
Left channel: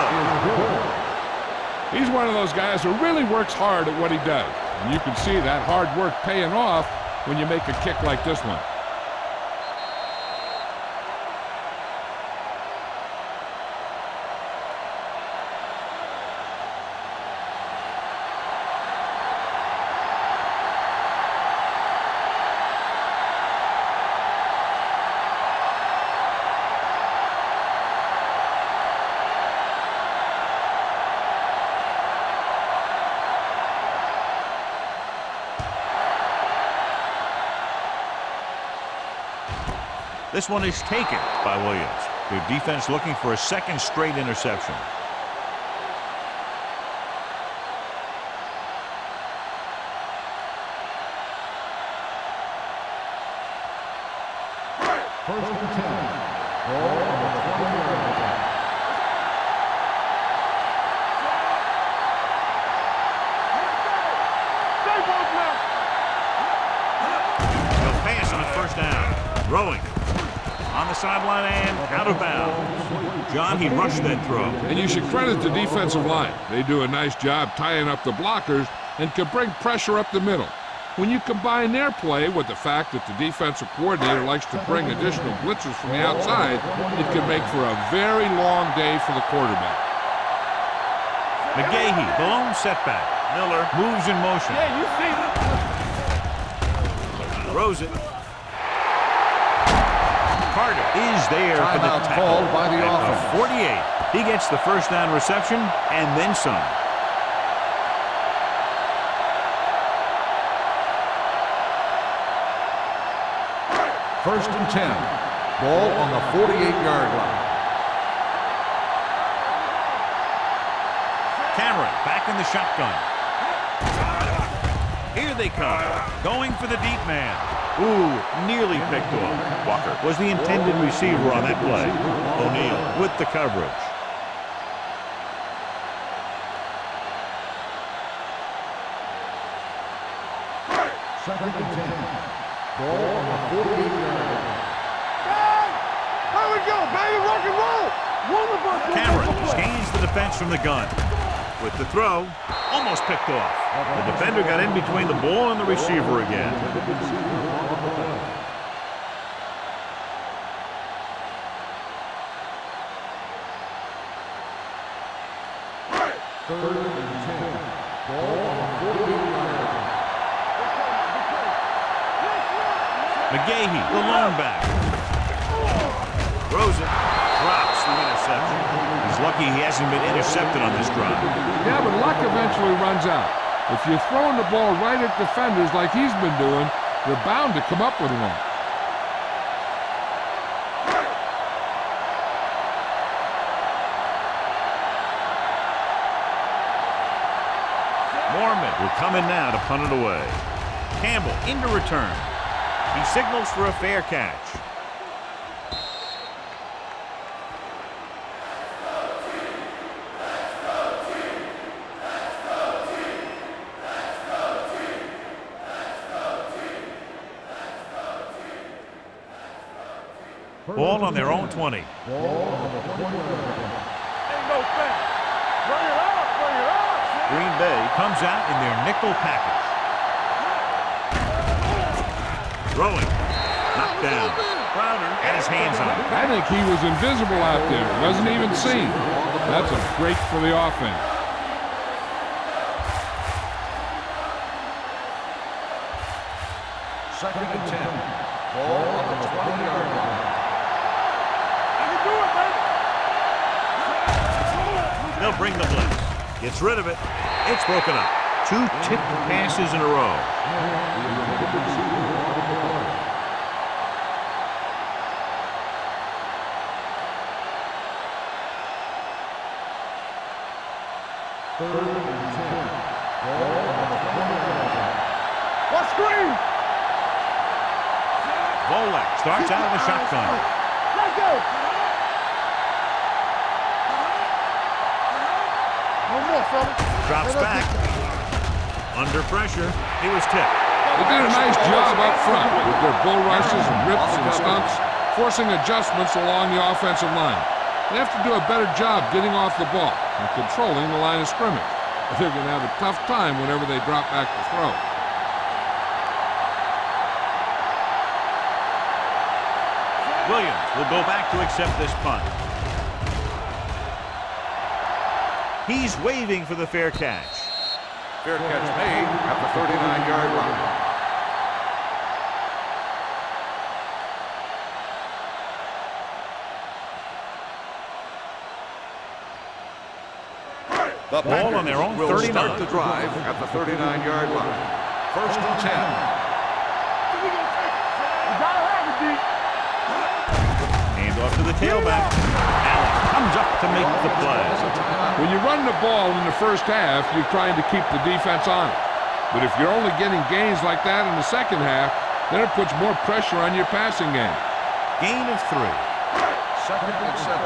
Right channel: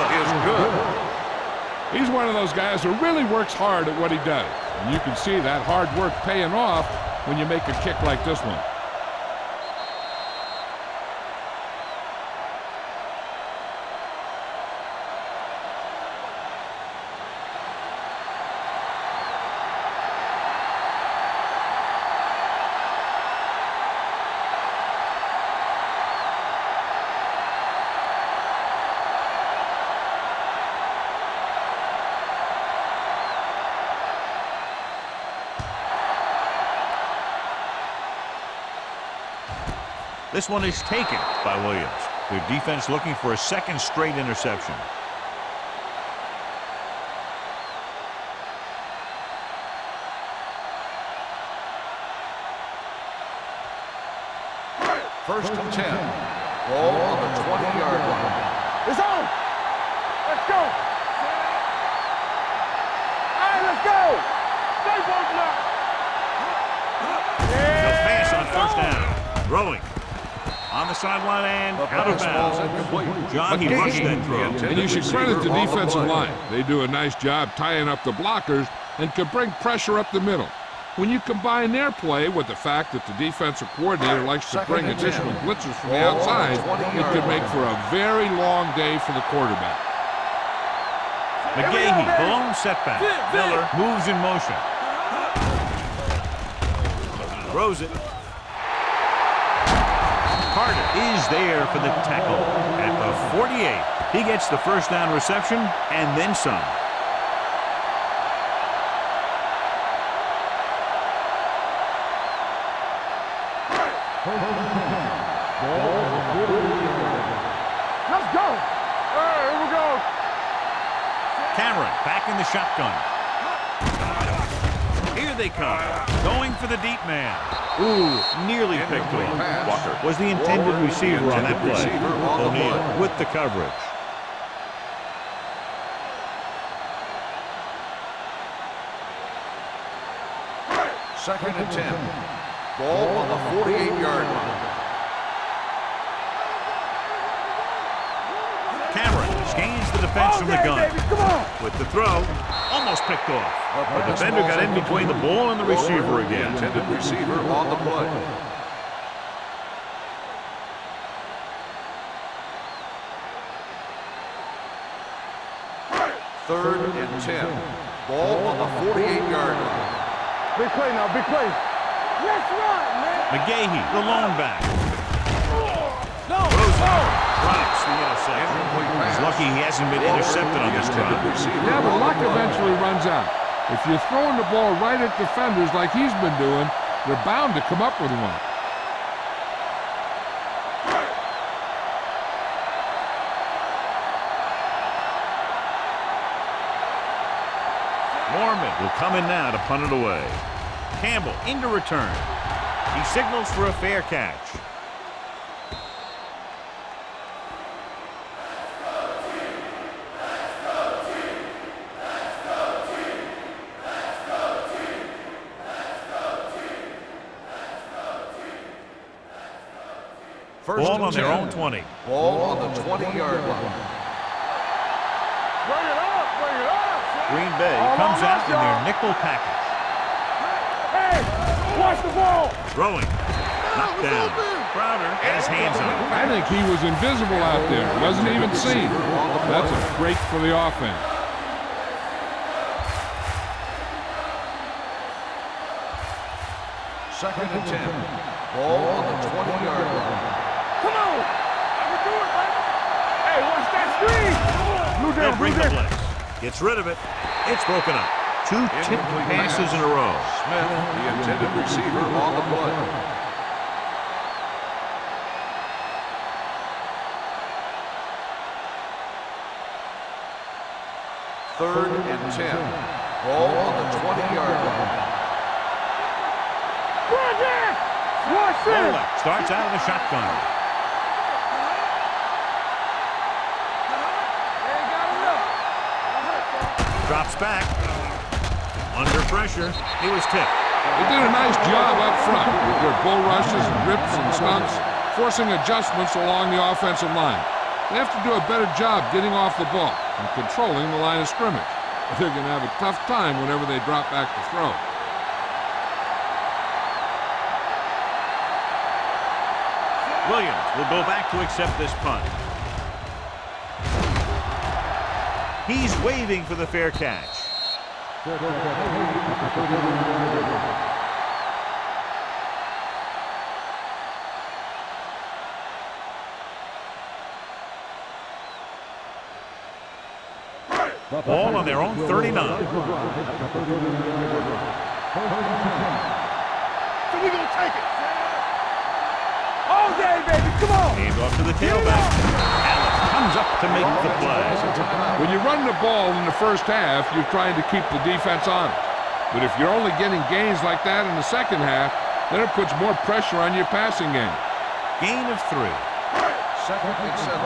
He's one of those guys who really works hard at what he does. And you can see that hard work paying off when you make a kick like this one. This one is taken by Williams. Their defense looking for a second straight interception. First and 10. Ball on the 20-yard line. It's on. Let's go. All right, let's go. Stay both now. They'll pass on first down. Throwing. On the sideline and out of bounds. John, he rushed that throw. And you should credit the defensive line. They do a nice job tying up the blockers and can bring pressure up the middle. When you combine their play with the fact that the defensive coordinator likes to bring additional blitzers from the outside, it can make for a very long day for the quarterback. McGahee, the lone setback. Miller moves in motion. Throws it. Carter is there for the tackle at the 48. He gets the first down reception and then some. First and 10. Ball on the 48-yard line. Let's go. All right, here we go. Cameron back in the shotgun. Here they come. Going for the deep man. Ooh, nearly picked off. Walker was the intended receiver on that play. O'Neal with the coverage. Second and 10. Ball on the 48-yard line. Here we go, baby. Rock and roll. Cameron scans the defense from the gun. Come on. With the throw, almost picked off. The defender got in between the ball and the receiver again. Intended receiver on the play. Third and 10. Ball on the 48-yard line. Big play now, big play. Let's run, man. McGahee, the lone back. Throws it. Drops the interception. He's lucky he hasn't been intercepted on this drive. Yeah, but luck eventually runs out. If you're throwing the ball right at defenders like he's been doing, they're bound to come up with one. Mormon will come in now to punt it away. Campbell into return. He signals for a fair catch. Ball on their own 20. Ball on the 20-yard line. Bring it up, bring it up. Green Bay comes out in their nickel package. Throwing. Knocked down. Crowder had his hands on it. I think he was invisible out there. Wasn't even seen. That's a break for the offense. Second and 10. Ball on the 20-yard line. Come on. I can do it, baby. Hey, watch that screen. They'll bring the blitz. Gets rid of it. It's broken up. Two tipped passes in a row. Smith, the intended receiver, on the play. Third and 10. Ball on the 20-yard line. What screen? Right there. Wolak starts out of the shotgun. Drops back. Under pressure. He was tipped. They did a nice job up front with their bull rushes and rips and stunts, forcing adjustments along the offensive line. They have to do a better job getting off the ball and controlling the line of scrimmage. They're going to have a tough time whenever they drop back to throw. Williams will go back to accept this punt. He's waving for the fair catch. Fair catch made at the 39-yard line. The Ball on their own will 39. Start the drive at the 39-yard line. 1st and 10. So we gonna take it. All day, baby. Come on. Hand off to the tailback. Allen comes up to make the play. When you run the ball in the first half, you're trying to keep the defense honest. But if you're only getting gains like that in the second half, then it puts more pressure on your passing game. Gain of 3. 2nd and 7.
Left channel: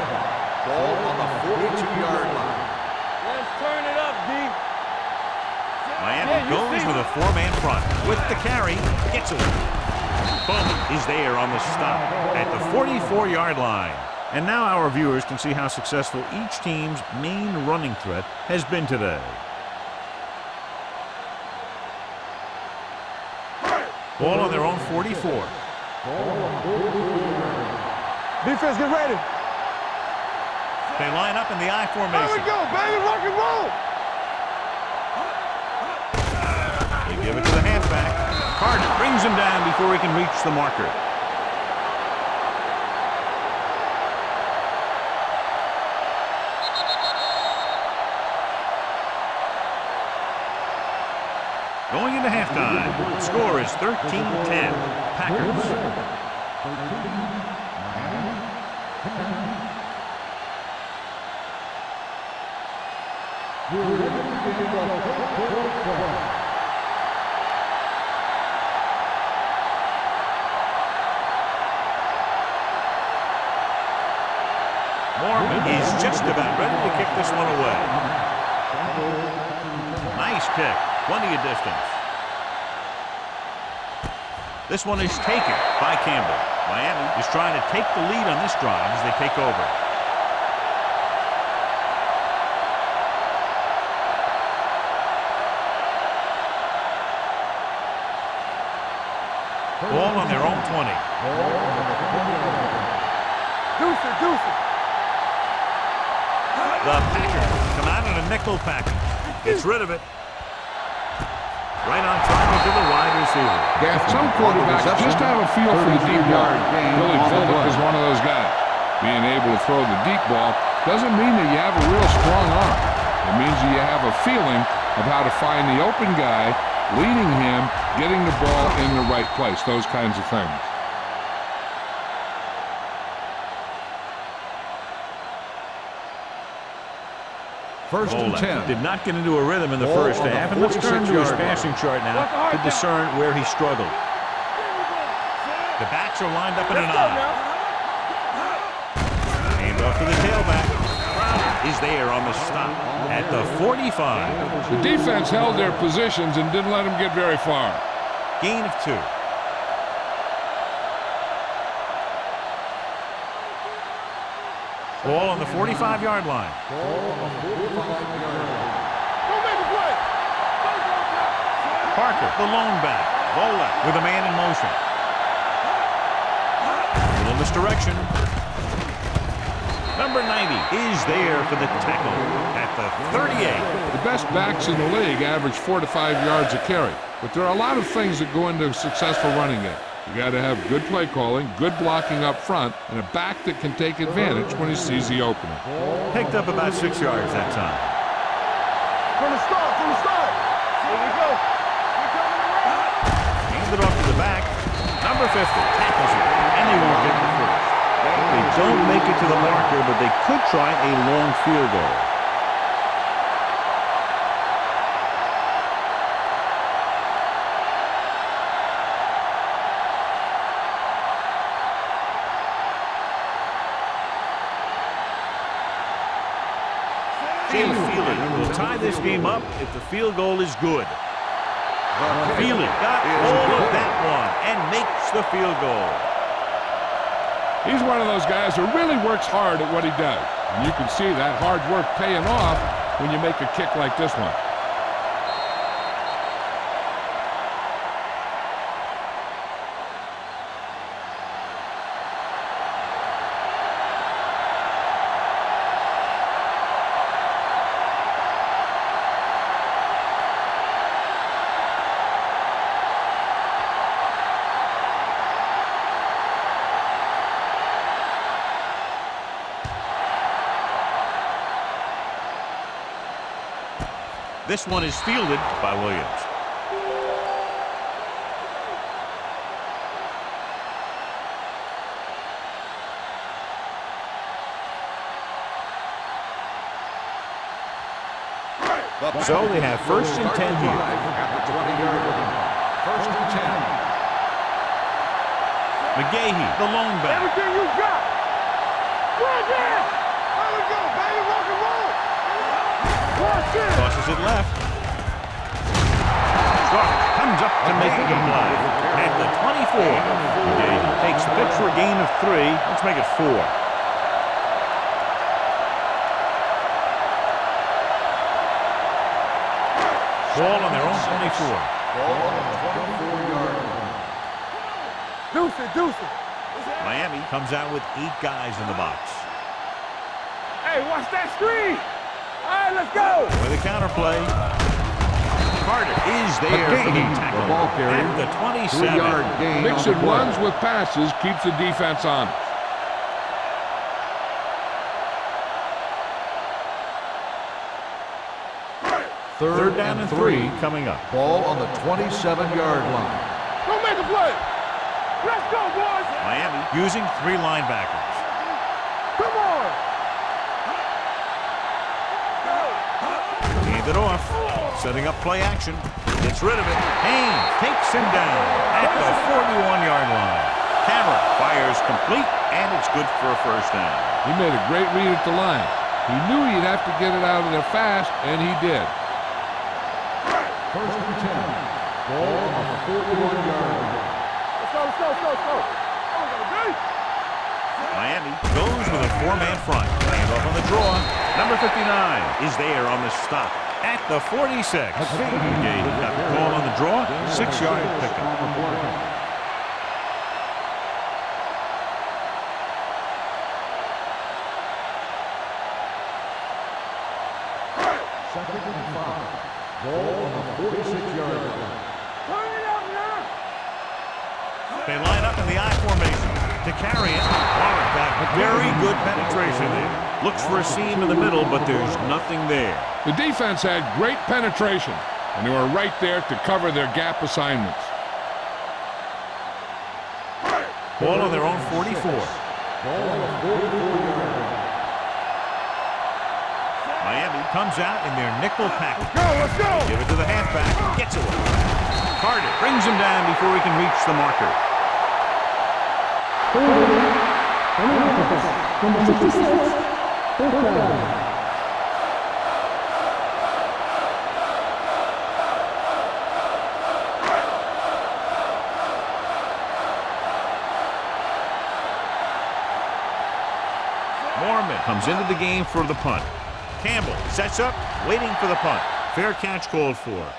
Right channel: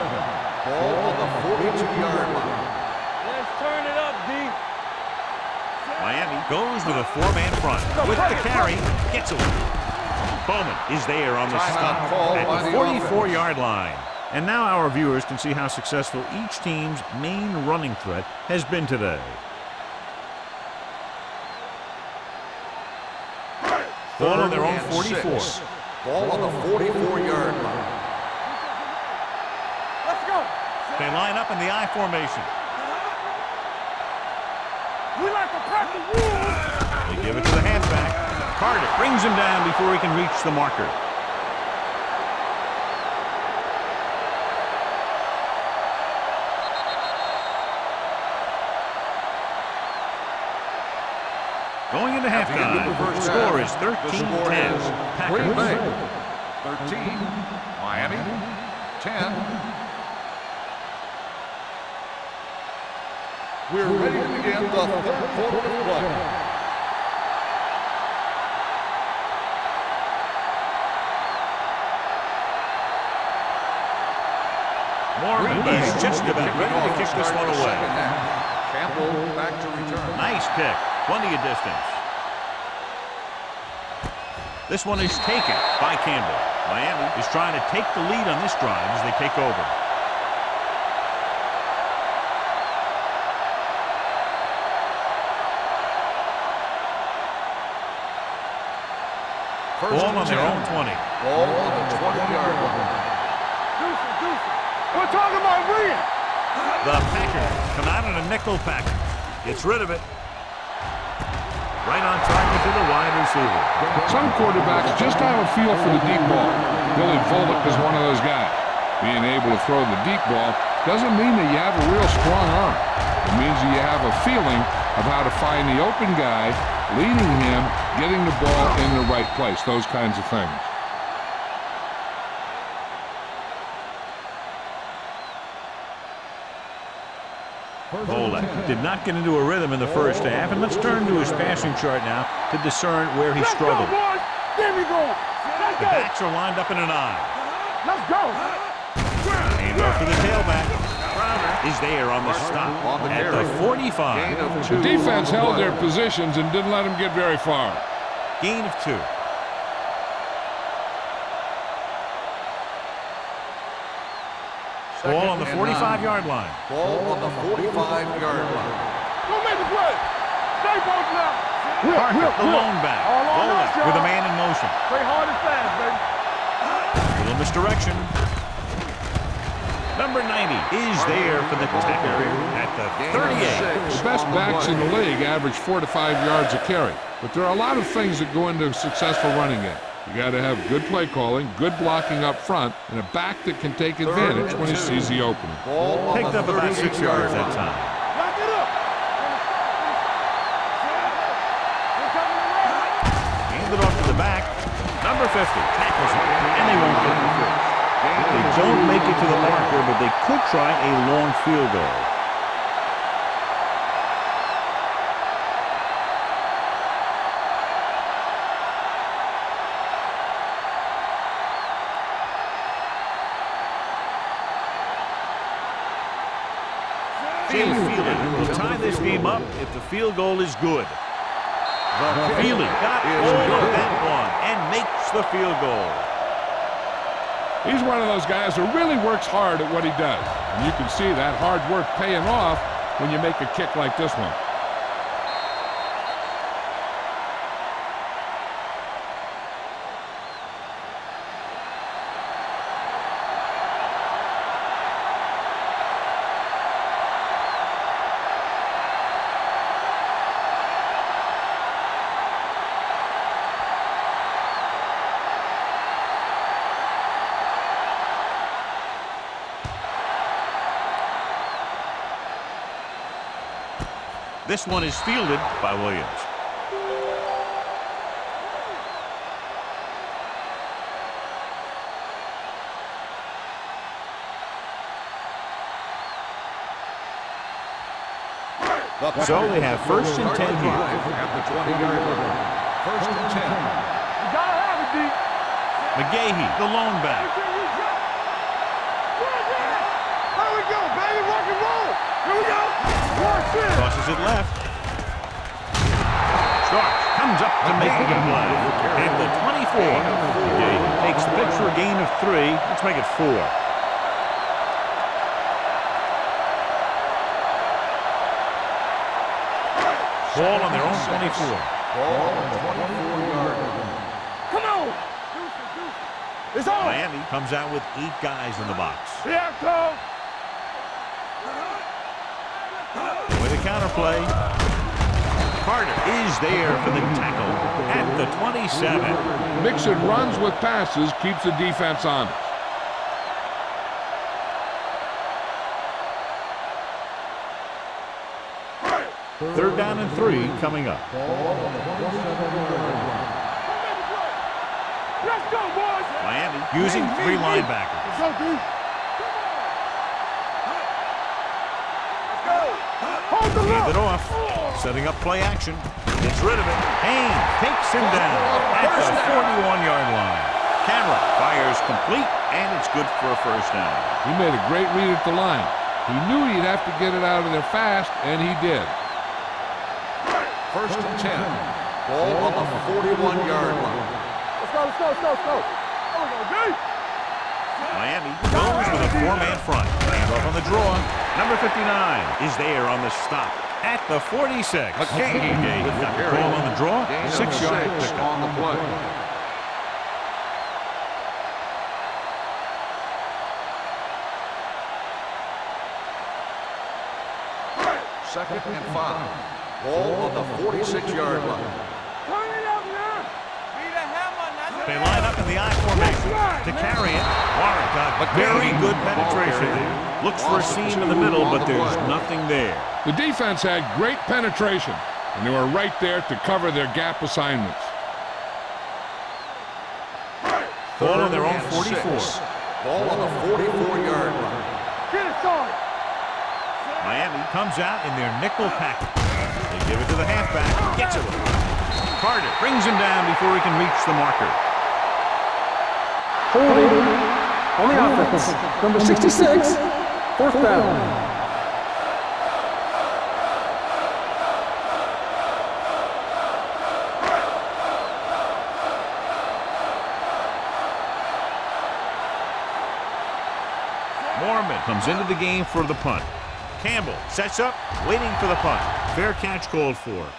Ball on the 42-yard line. Let's turn it up, D. Miami goes with a 4-man front. With the carry, gets away. Bowman is there on the stop at the 44-yard line. And now our viewers can see how successful each team's main running threat has been today. Ball on their own 44. Ball on the 44-yard line. Defense, get ready. Let's go. They line up in the I formation. Here we go, baby. Rock and roll. We like to press. They give it to the halfback. Carter brings him down before he can reach the marker. Going into halftime, the score is 13-10. Packers. 13. Miami. 10. We're ready to begin the 3rd quarter of play. Mormon is just about ready to kick this one away. Campbell back to return. Nice kick. Plenty of distance. This one is taken by Campbell. Miami is trying to take the lead on this drive as they take over. Ball on their own 20. Ball on the 20-yard line. Deuce it, deuce it. We're talking about win. The Packers come out in a nickel package. Gets rid of it. Right on target to the wide receiver. Some quarterbacks just have a feel for the deep ball. Billy Volek is one of those guys. Being able to throw the deep ball doesn't mean that you have a real strong arm. It means that you have a feeling of how to find the open guy, leading him, getting the ball in the right place, those kinds of things. Volek did not get into a rhythm in the first half, and let's turn to his passing chart now to discern where he struggled. The backs are lined up in an I. Hand off to the tailback. Crowder is there on the stop at the 45. The defense held their positions and didn't let them get very far. Gain of 2. Ball on the 45-yard line. Ball on the 45-yard line. Don't make the play. Stay close now. Parker, the lone back. Volek with a man in motion. Play hard and fast, baby. Little misdirection. Number 90 is there for the tackle at the 38. The best backs in the league average 4 to 5 yards a carry, but there are a lot of things that go into a successful running game. You got to have good play calling, good blocking up front, and a back that can take advantage when he sees the opening. Picked up about 6 yards that time. From the start, from the start. We're coming around. Handed off to the back. Number 50 tackles it, and they won't get the first. They don't make it to the marker, but they could try a long field goal. Jay Feely will tie this game up if the field goal is good. Feely got hold of that one and makes the field goal. He's one of those guys who really works hard at what he does. And you can see that hard work paying off when you make a kick like this one. This one is fielded by Williams. So they have first and 10 here. At the 20-yard line. First and 10. You gotta have it, D. McGahee, the lone back. Everything you got. Right there. There we go, baby. Rock and roll. Here we go. Watch it. Tosses it left. Starks comes up to make the play. At the 24. McGahee takes the pitch for a gain of 3. Let's make it 4. Ball on their own 24. Ball on the 24-yard line. Come on. Deuce it, deuce it. It's on. Miami comes out with 8 guys in the box. Here I come. Hey, watch that screen. All right, let's go. With a counterplay, Carter is there for the tackle at the 27. Mixon runs with passes, keeps the defense honest. Third down and 3 coming up. Ball on the 27-yard line. Don't make a play. Let's go, boys. Miami using 3 linebackers. Come on. Let's go. Hand it off. Setting up play action. Gets rid of it. Haynes takes him down at the 41-yard line. Cameron fires complete, and it's good for a first down. He made a great read at the line. He knew he'd have to get it out of there fast, and he did. First and 10. Ball on the 41-yard line. Let's go, let's go, let's go, let's go. There we go, D. Miami goes with a 4-man front. Hand off on the draw. Number 59 is there on the stop at the 46. McGahee got the call on the draw. 6-yard pickup. Second and 5. Ball on the 46-yard line. Turn it up now. They line up in the I formation to carry it. Warren got very good penetration there. Looks for a seam in the middle, but there's nothing there. The defense had great penetration, and they were right there to cover their gap assignments. Ball on their own 44. Ball on the 44-yard line. Get it started. Miami comes out in their nickel package. They give it to the halfback. Gets away. Carter brings him down before he can reach the marker. Holding on the offense. Number 66. Fourth down. Mormon comes into the game for the punt. Campbell sets up, waiting for the punt. Fair catch called for.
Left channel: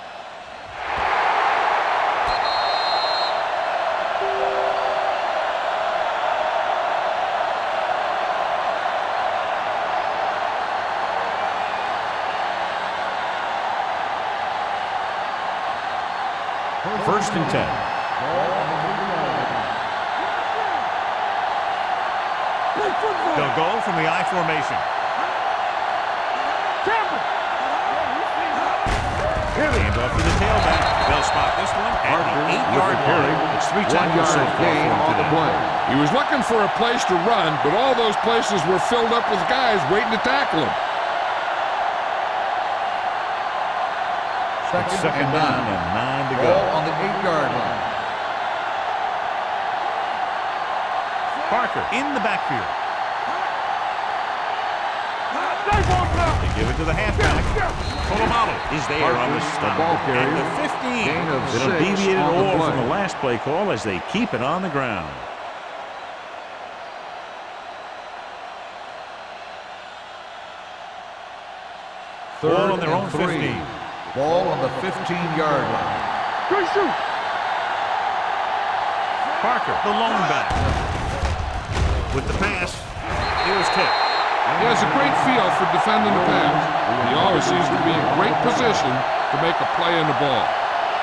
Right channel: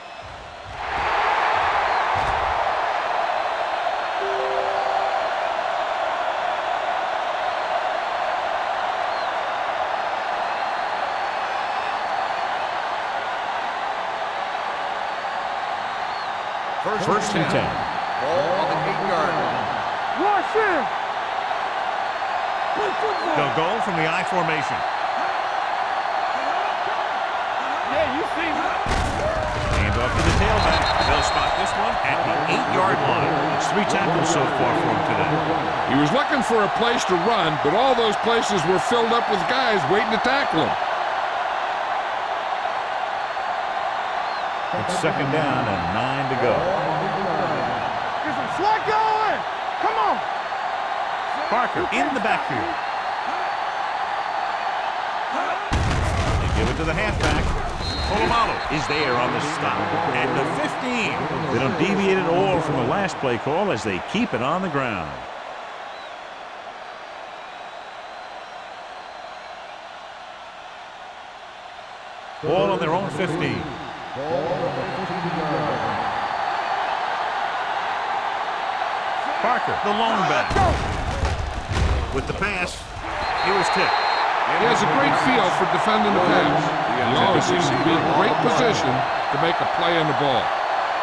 First and 10. Ball on the 8-yard line. Watch him. Play football. They'll go from the I formation. Yeah, you see me. Hands off to the tailback. They'll spot this one at the 8-yard line. It's 3 tackles so far for him today. He was looking for a place to run, but all those places were filled up with guys waiting to tackle him. It's second down and 9 to go. Ball on the 8-yard line. Get some slack going. Come on. Parker in the backfield. They give it to the halfback. Polamalu is there on the stop at the 15. They don't deviate at all from the last play call as they keep it on the ground. Ball on their own 15. Ball on the 15-yard line. Good shoot. Parker, the lone back. With the pass, he was tipped. He has a great feel for defending the pass. He always seems to be in great position to make a play on the ball.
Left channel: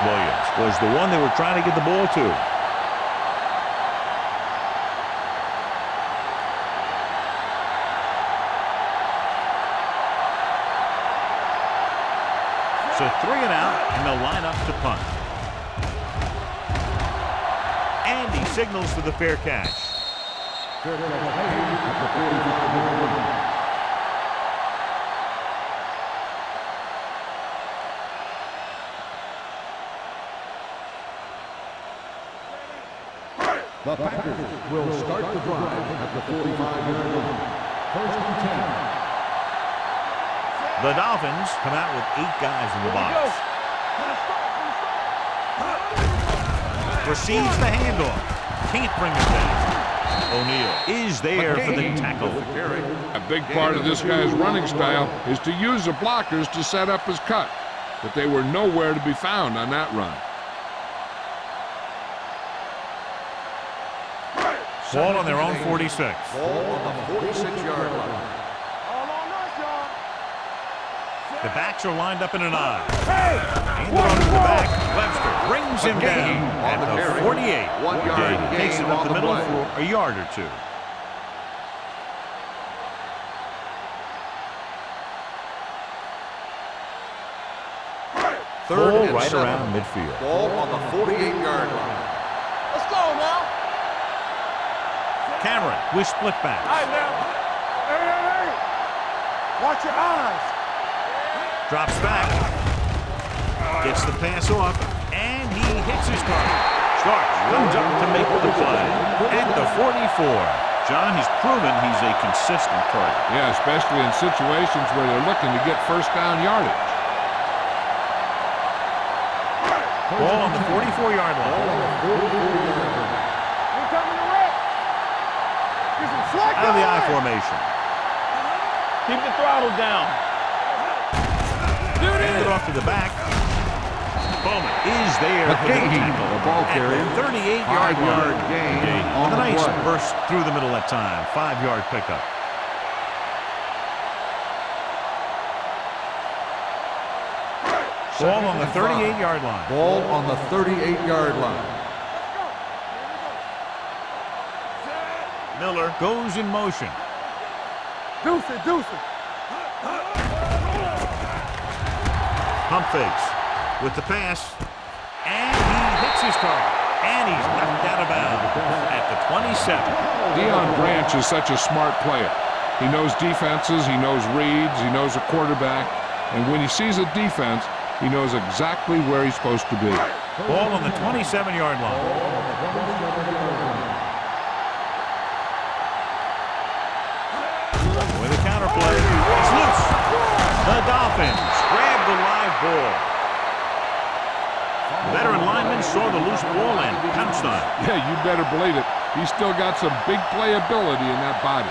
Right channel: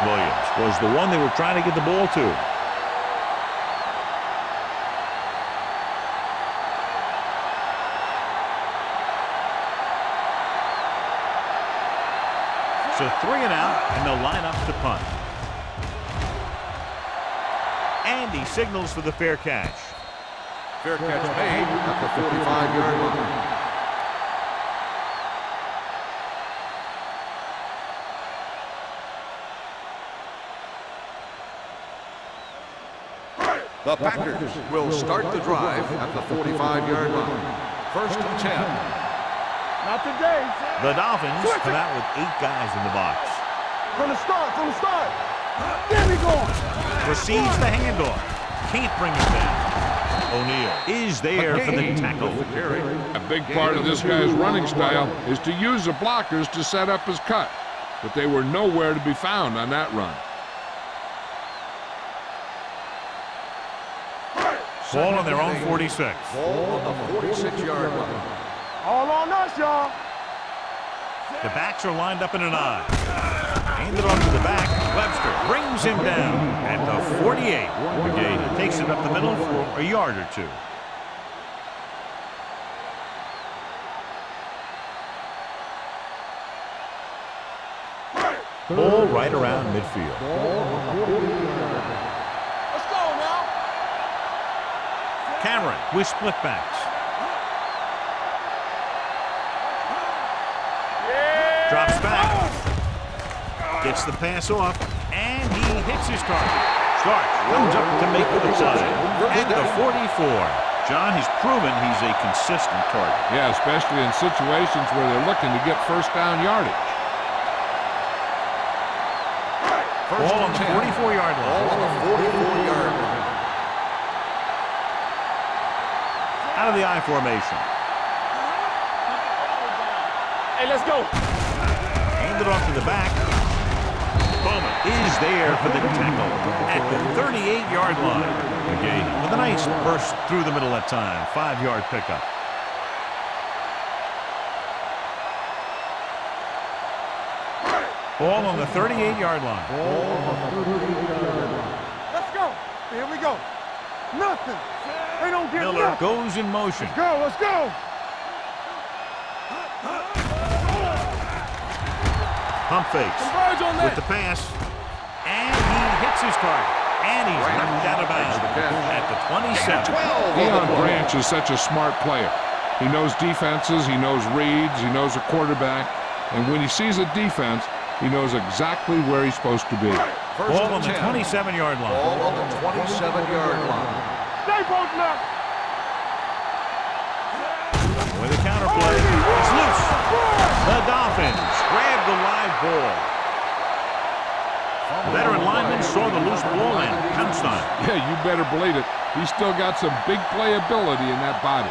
Williams was the one they were trying to get the ball to. So 3 and out, and they'll line up to punt. And he signals for the fair catch. Fair catch made at the 45-yard line. The Packers will start the drive at the 45-yard line. First and 10. Not today, Sam. The Dolphins come out with 8 guys in the box. From the start. There we go. Receives the handoff. Can't bring it down. O'Neal is there for the tackle. A big part of this guy's running style is to use the blockers to set up his cut. But they were nowhere to be found on that run. Ball on their own 46. Ball on the 46-yard line. All on us, y'all. The backs are lined up in an I. Handed on to the back. Webster brings him down at the 48. McGahee takes it up the middle for a yard or 2. Ball right around midfield. Ball on the 48-yard line. Let's go now. Cameron with split backs. Hey. Watch your eyes. Drops back. Gets the pass off. And he hits his target. Starks comes up to make the play at the 44. John, he's proven he's a consistent target. Yeah, especially in situations where they're looking to get first down yardage. Ball on the 44-yard line. Out of the I formation. Keep the throttle down. Hey, let's go. Handed off to the back. Bowman is there for the tackle at the 38-yard line. McGahee with a nice burst through the middle that time. 5-yard pickup. Ball on the 38-yard line. Ball on the 38-yard line. Let's go. Here we go. Nothing. They don't get Miller nothing. goes in motion. Let's go. Deuce it. Pump fakes with the pass. And he hits his target. And he's knocked out of bounds at the 27. Deion Branch is such a smart player. He knows defenses, he knows reads, he knows a quarterback. And when he sees a defense, he knows exactly where he's supposed to be. Ball on the 27-yard line. Ball on the 27-yard line. Stay both now. With a counterplay, it's loose. The Dolphins grab the live ball. The veteran lineman saw the loose ball and pounced on it. Yeah, you better believe it. He's still got some big playability in that body.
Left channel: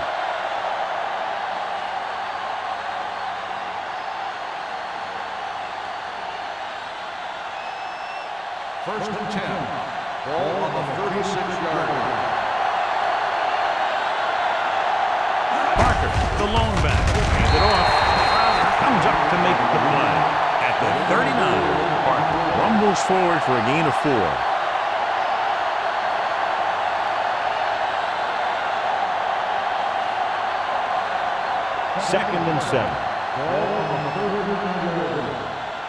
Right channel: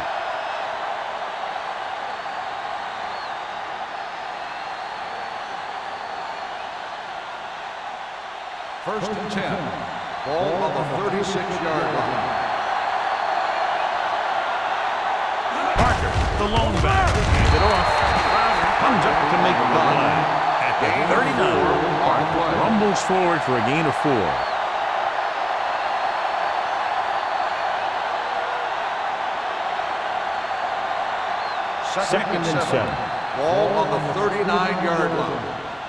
First and 10. Ball on the 36-yard line. Parker, the lone back, handed off. Crowder comes up to make the play. At the 39, Parker rumbles forward for a gain of 4. Second and 7. Ball on the 39-yard line.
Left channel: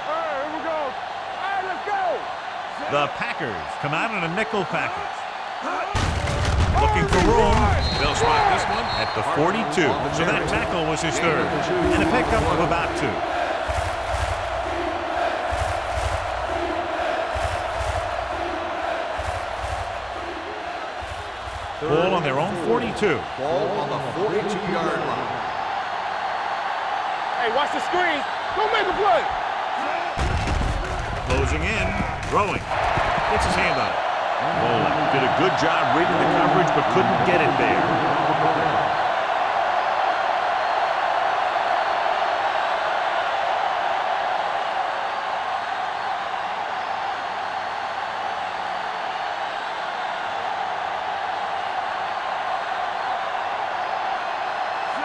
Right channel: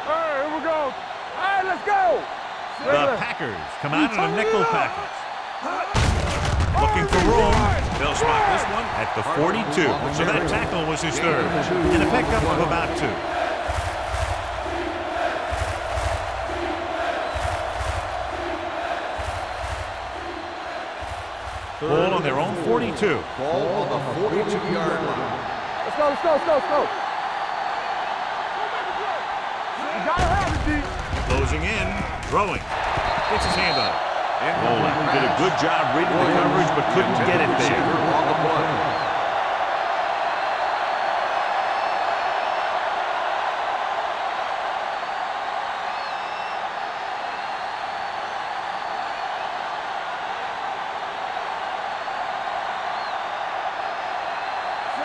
Hey, here we go. All right, let's go. The Packers come out in a nickel package. Looking for room. They'll spot this one at the 42. So that tackle was his third. And a pickup of about 2. Ball on their own 42. Ball on the 42-yard line. Let's go. Hey, watch the screen. Don't make a play. Closing in. Throwing. Gets his hand on it. Mola did a good job reading the coverage but couldn't get it there. On the play.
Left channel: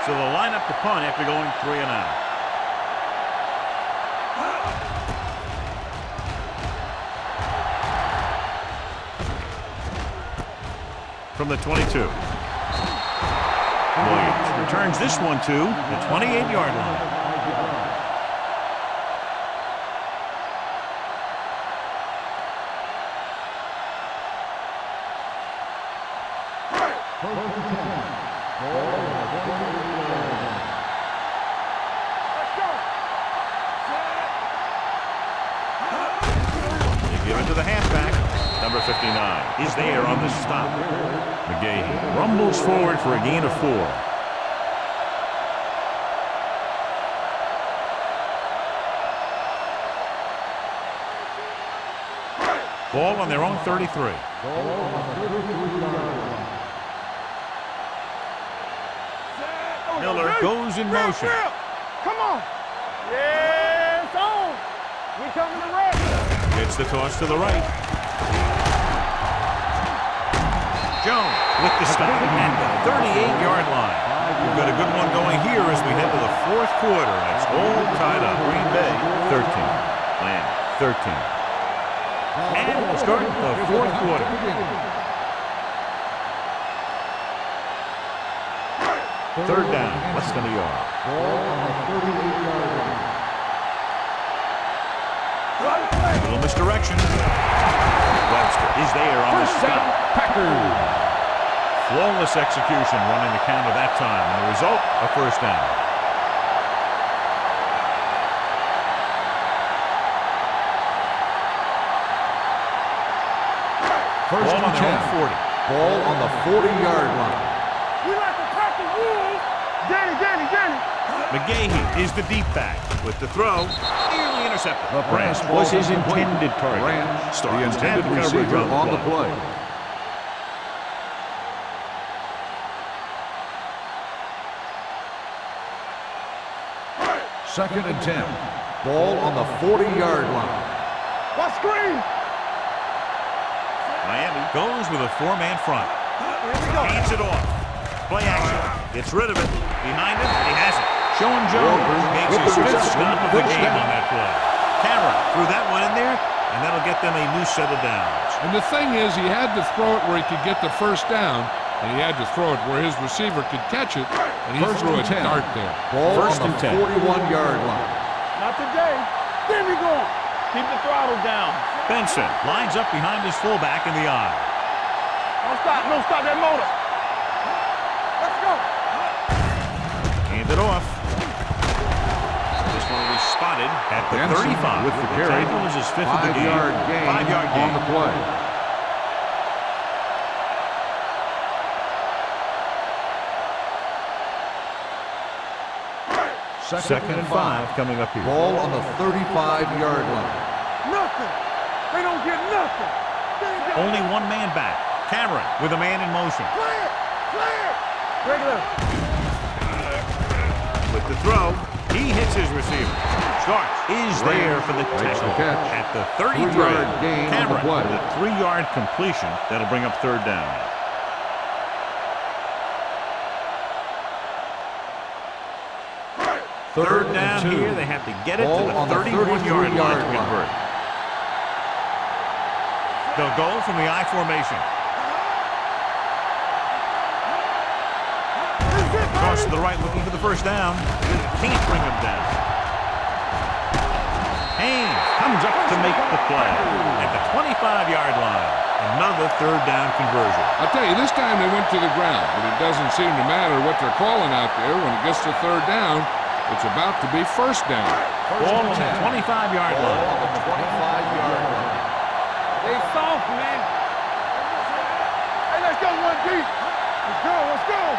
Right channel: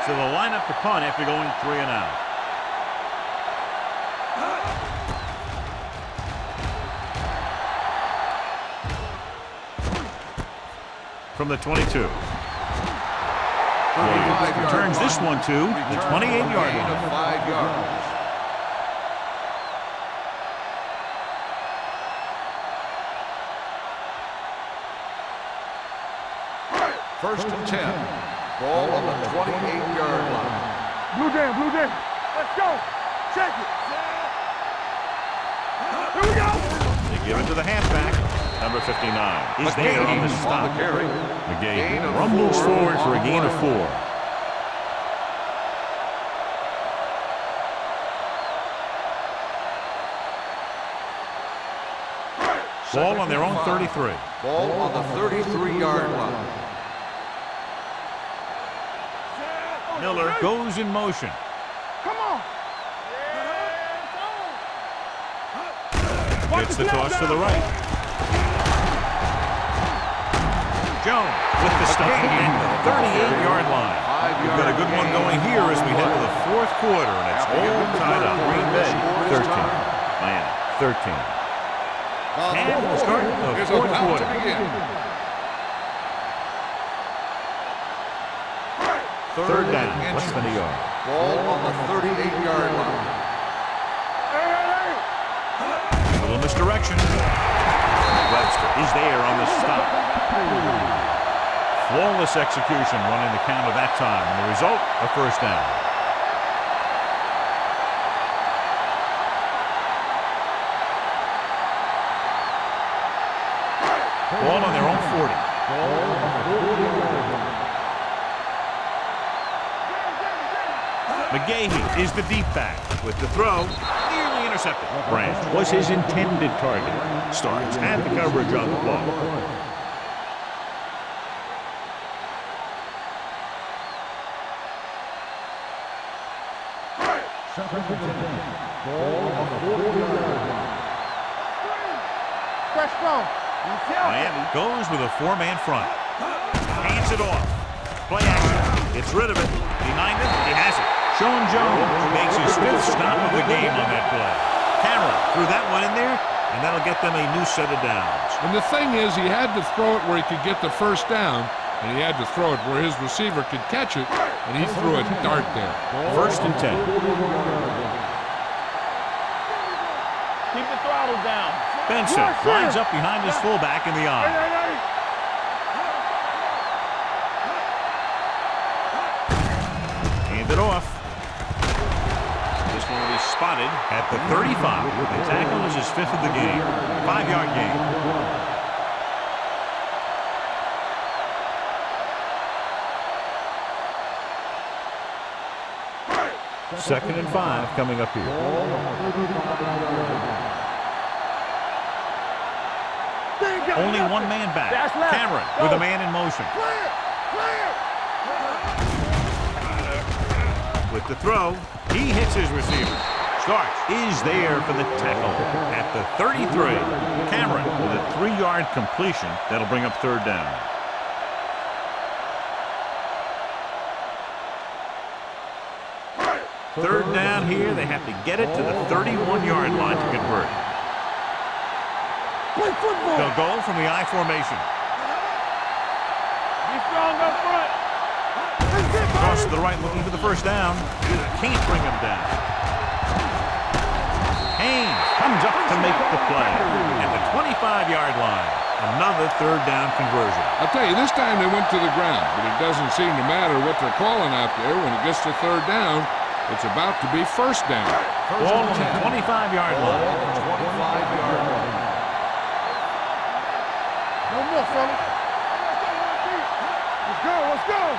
So they'll line up to punt after going 3 and out. From the 22. Williams returns this one to the 28-yard line. 5 yards. First and 10. Ball on the 28-yard line. Blue jam. Let's go. Check it. Set. Here we go. They give it to the halfback. Number 59 is there on the stop. McGahee rumbles forward for a gain of 4. Ball on their own 33. Ball on the 33-yard line. Miller goes in motion. Come on. Yeah, it's on. We coming to the right. Gets the toss to the right. Jones with the stop at the 38-yard line. We've got a good one going here as we head to the 4th quarter, and it's all tied up. Green Bay 13, Miami 13. And we'll start the 4th quarter. Third down, less than a yard. Ball on the 38-yard line. A little misdirection. Webster is there on the stop. Flawless execution running the counter that time, and the result, a first down. Ball on their own 40. Ball on the 40-yard line. We like to cut the rules. McGahee is the deep back with the throw. Nearly intercepted. Branch was his intended target. Starks had the coverage on the play. Second and 10. Ball on the 40-yard line. What screen? Press strong. Miami goes with a 4-man front. Hands it off. Play action. Gets rid of it. Behind him, he has it. Sean Jones makes his 5th stop of the game on that play. Cameron threw that one in there, and that'll get them a new set of downs. And the thing is, he had to throw it where he could get the first down, and he had to throw it where his receiver could catch it, and he threw a dart there. First and 10. 41-yard line. Not today. There we go. Keep the throttle down. Benson lines up behind his fullback in the eye. Don't stop that motor. Let's go. Hand it off. This one will be spotted at the 35. The tackle is his 5th of the game. 5-yard gain. Second and 5 coming up here. Ball on the 35-yard line. Nothing. They don't get nothing. They ain't got Only nothing. one man back. Cameron with a man in motion. Clear. With the throw, he hits his receiver. Starks is there for the tackle at the 33. Cameron with a 3-yard completion. That'll bring up third down. Third down here. They have to get it to the 31-yard line to convert. They'll go from the I formation. Cross to the right looking for the first down. Can't bring him down. Haynes comes up to make the play at the 25-yard line. Another third down conversion. I'll tell you, this time they went to the ground, but it doesn't seem to matter what they're calling out there. When it gets to third down, it's about to be first down. Ball on the 25-yard Ball line. on the 25-yard line. They soft, man. No more, fella. Hey, let's go one deep. Let's go.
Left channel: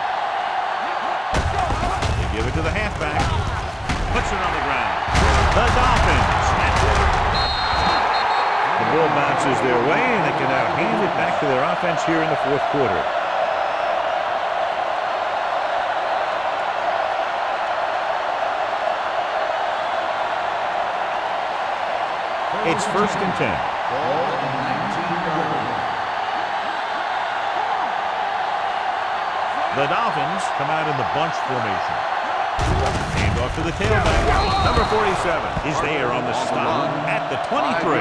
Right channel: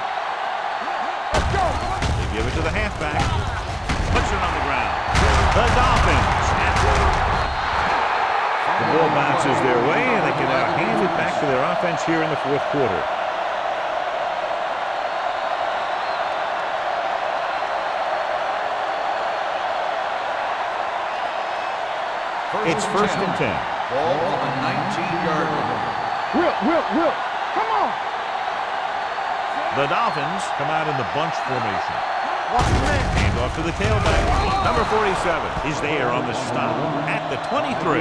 They give it to the halfback. Puts it on the ground. The Dolphins. The ball bounces their way, and they can now hand it back to their offense here in the 4th quarter. It's first and 10. Ball on the 19-yard line. Whip. Come on. The Dolphins come out in the bunch formation. Hand off to the tailback. Number 47 is there on the stop at the 23.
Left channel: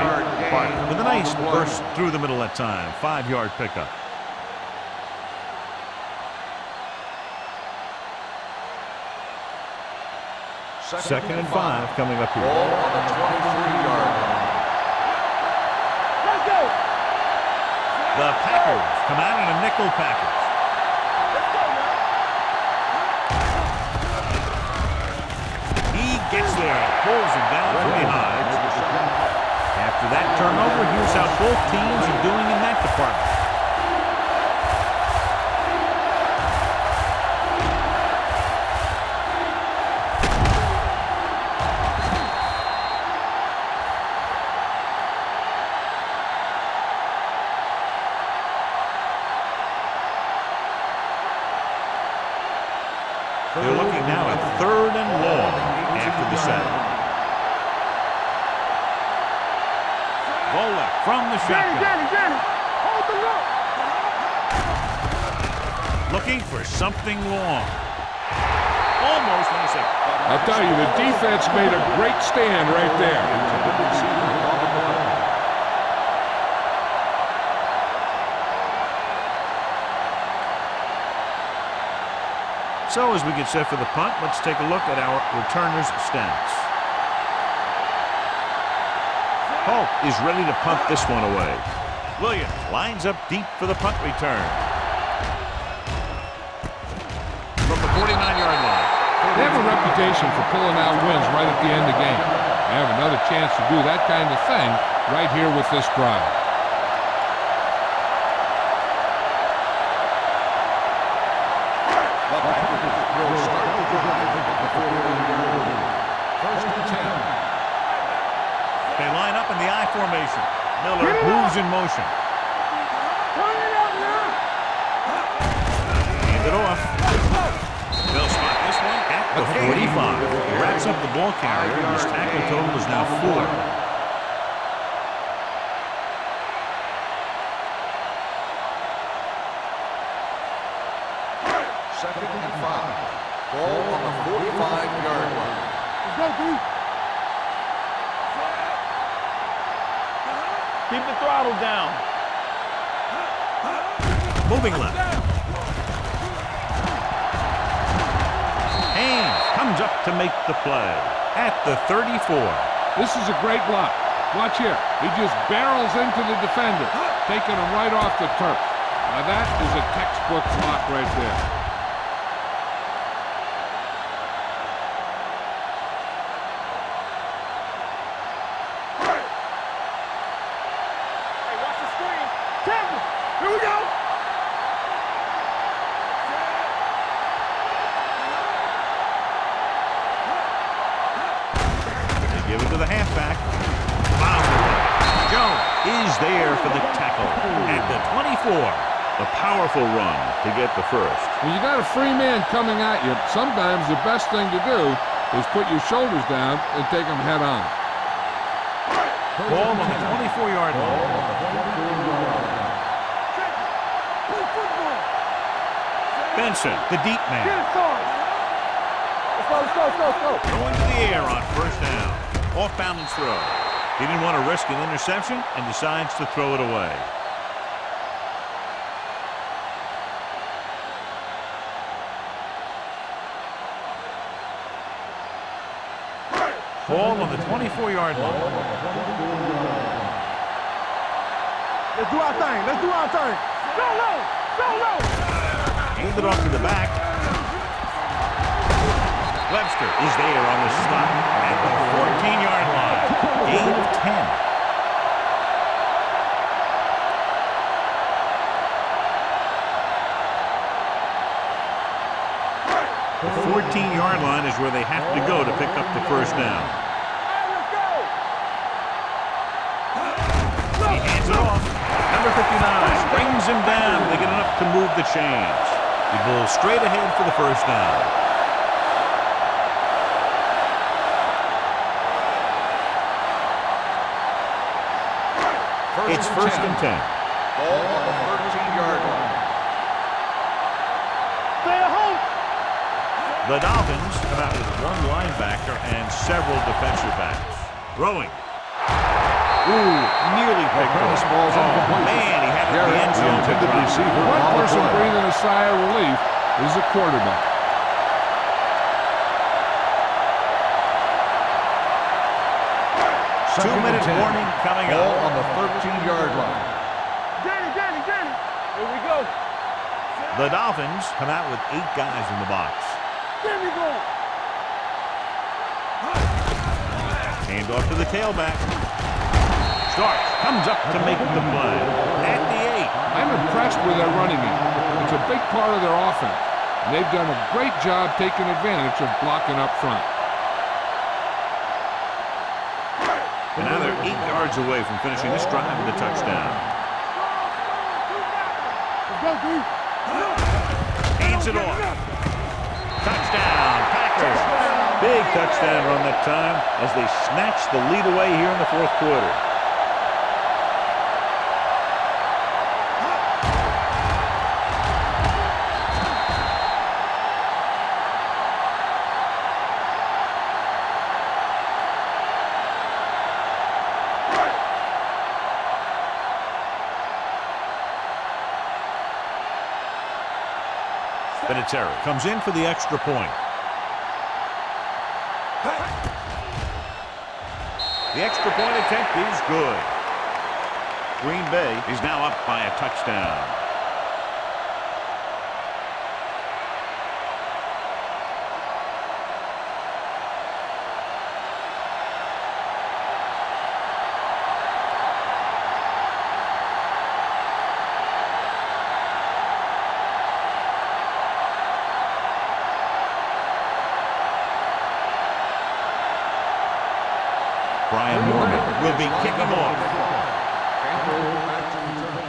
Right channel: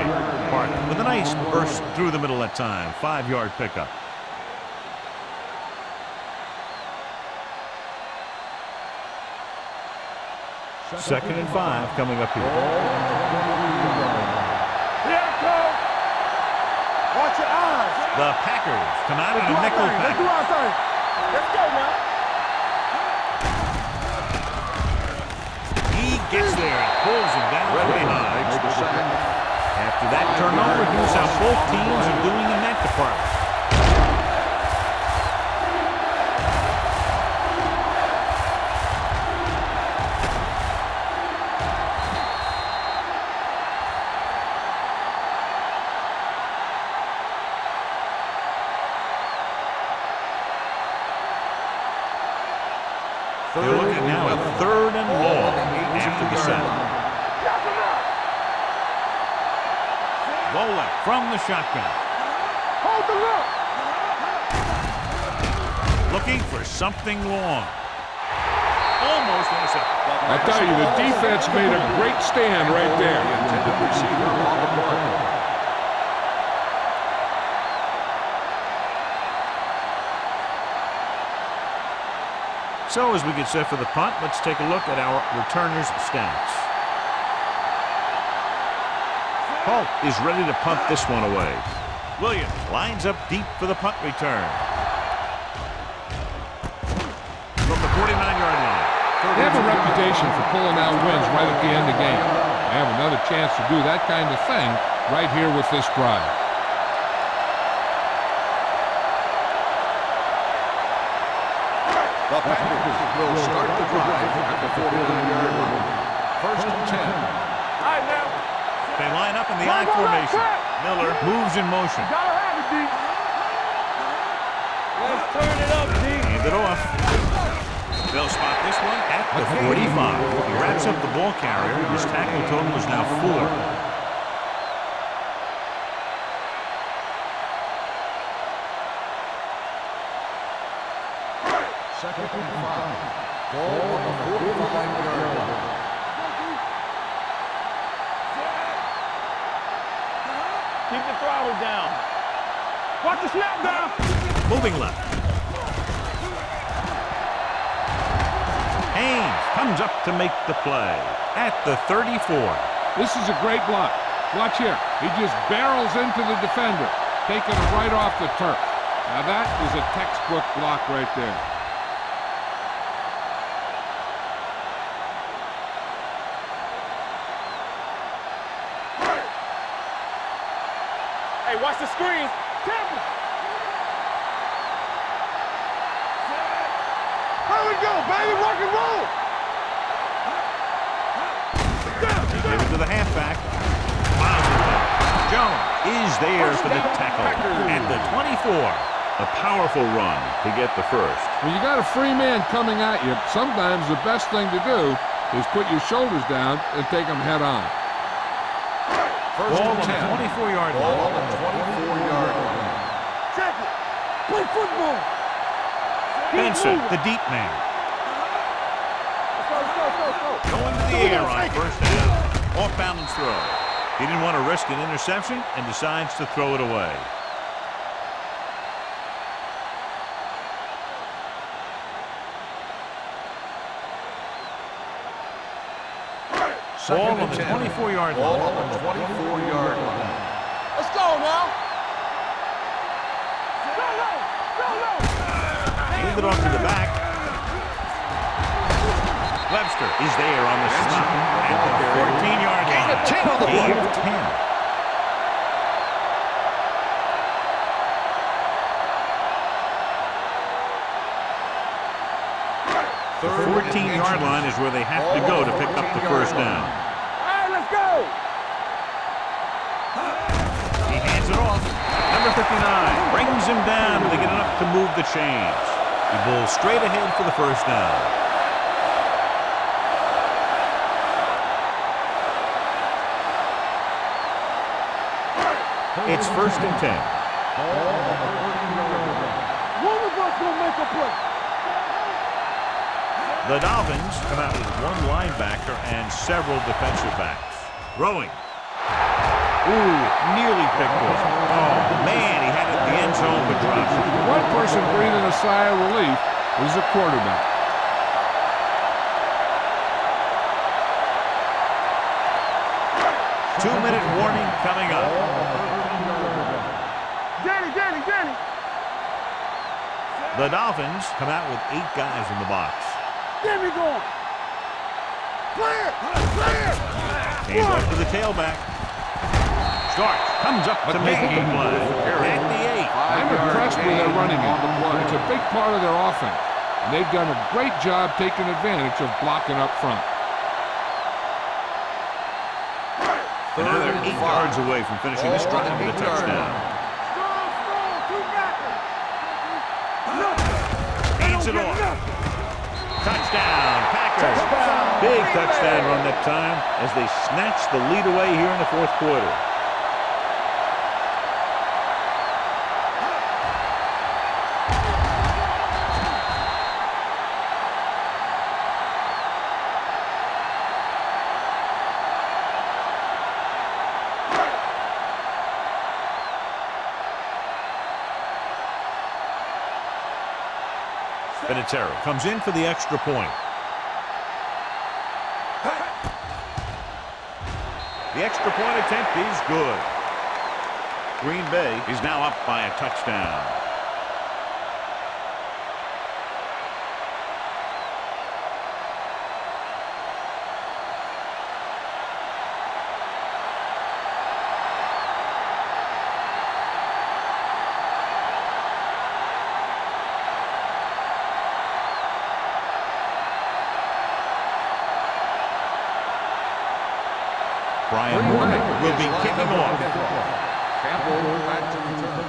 Park with a nice burst through the middle that time. 5-yard pickup. Second and 5 coming up here. Ball on the 23-yard line. The Packers come out in a nickel package. Let's go now. He gets there and pulls him down from behind. Makes the sack. After that turnover, here's how both teams are doing in that department. They're looking now at 3rd and long after the set. Volek from the shotgun. Hold the look. Looking for something long. Almost intercepted. I tell you, the defense made a great stand right there. The intended receiver on the play. So as we get set for the punt, let's take a look at our returners' stats. Hulk is ready to punt this one away. Williams lines up deep for the punt return. From the 49-yard line. They have a reputation for pulling out wins right at the end of the game. They have another chance to do that kind of thing right here with this drive. The Packers will start the drive at the 49-yard line. 1st and 10. All right, now. They line up in the I formation. Miller moves in motion. Hand it off. They'll spot this one at the 45. He wraps up the ball carrier. His tackle total is now 4. 2nd and 5. Ball on the 45-yard line. Let's go, D. Keep the throttle down. Watch the snap down. Moving left. Haynes comes up to make the play at the 34. This is a great block. Watch here. He just barrels into the defender, taking him right off the turf. Now that is a textbook block right there. Hey, watch the screen. Tampa. Here we go. Set. Here we go, baby. Rock and roll. They give it to the halfback. Miles away. Jones is there for the tackle at the 24. A powerful run to get the first. When you got a free man coming at you, sometimes the best thing to do is put your shoulders down and take them head on. Ball on the 24-yard line. Check it. Play football. Benson, the deep man. Let's go, let's go, let's go, let's go. Going to the air on 1st down. Off-balance throw. He didn't want to risk an interception and decides to throw it away. Ball on the 24-yard line. Let's go now. Let's do our thing. Let's do our thing. Go low. Go low. Hand it off to the back. Webster is there on the stop at the 14-yard line. Gain of 10. The 14-yard line is where they have to go to pick up the first down. All right, let's go. He hands it off. Number 59 brings him down, and they get enough to move the chains. He bowls straight ahead for the first down. It's 1st and 10. Ball on the 13-yard line. One of us will make a play. Stay at home. The Dolphins come out with one linebacker and several defensive backs. Throwing. Ooh, nearly picked off. Oh, man, he had it in the end zone but dropped it. The one person breathing a sigh of relief is the quarterback. Two-minute warning coming Ball up. on the 13-yard line. Danny. Here we go. The Dolphins come out with 8 guys in the box. Get me going. Hand off to the tailback. Starts, comes up to make the play. At the 8. I'm impressed with their running game. It's a big part of their offense. And they've done a great job taking advantage of blocking up front. And now they're 8 yards away from finishing this drive with a touchdown. Strong, two backwards. Let's go, dude. Hands it off. Touchdown, Packers. Big touchdown run that time as they snatch the lead away here in the 4th quarter. Vinatieri comes in for the extra point. The extra point attempt is good. Green Bay is now up by a touchdown. Brian Mormon will be kicking off. Campbell back to return.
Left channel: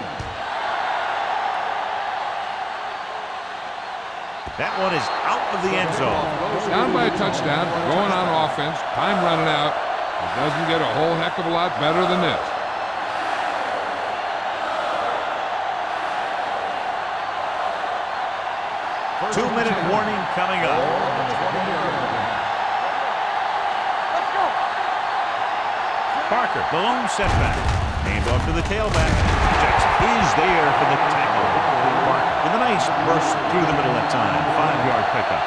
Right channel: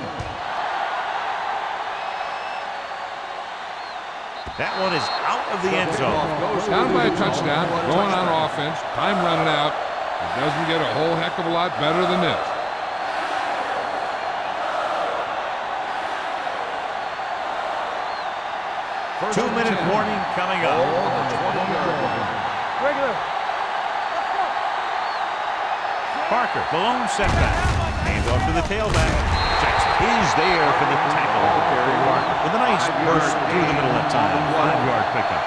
That one is out of the end zone. Down by a touchdown, going on offense, time running out. It doesn't get a whole heck of a lot better than this. First 2-minute warning coming Ball up. on the 20-yard line. Let's go. Parker, the lone setback. Hand off to the tailback. Jackson is there for the tackle. Parker with a nice burst through the middle that time. 5-yard pickup.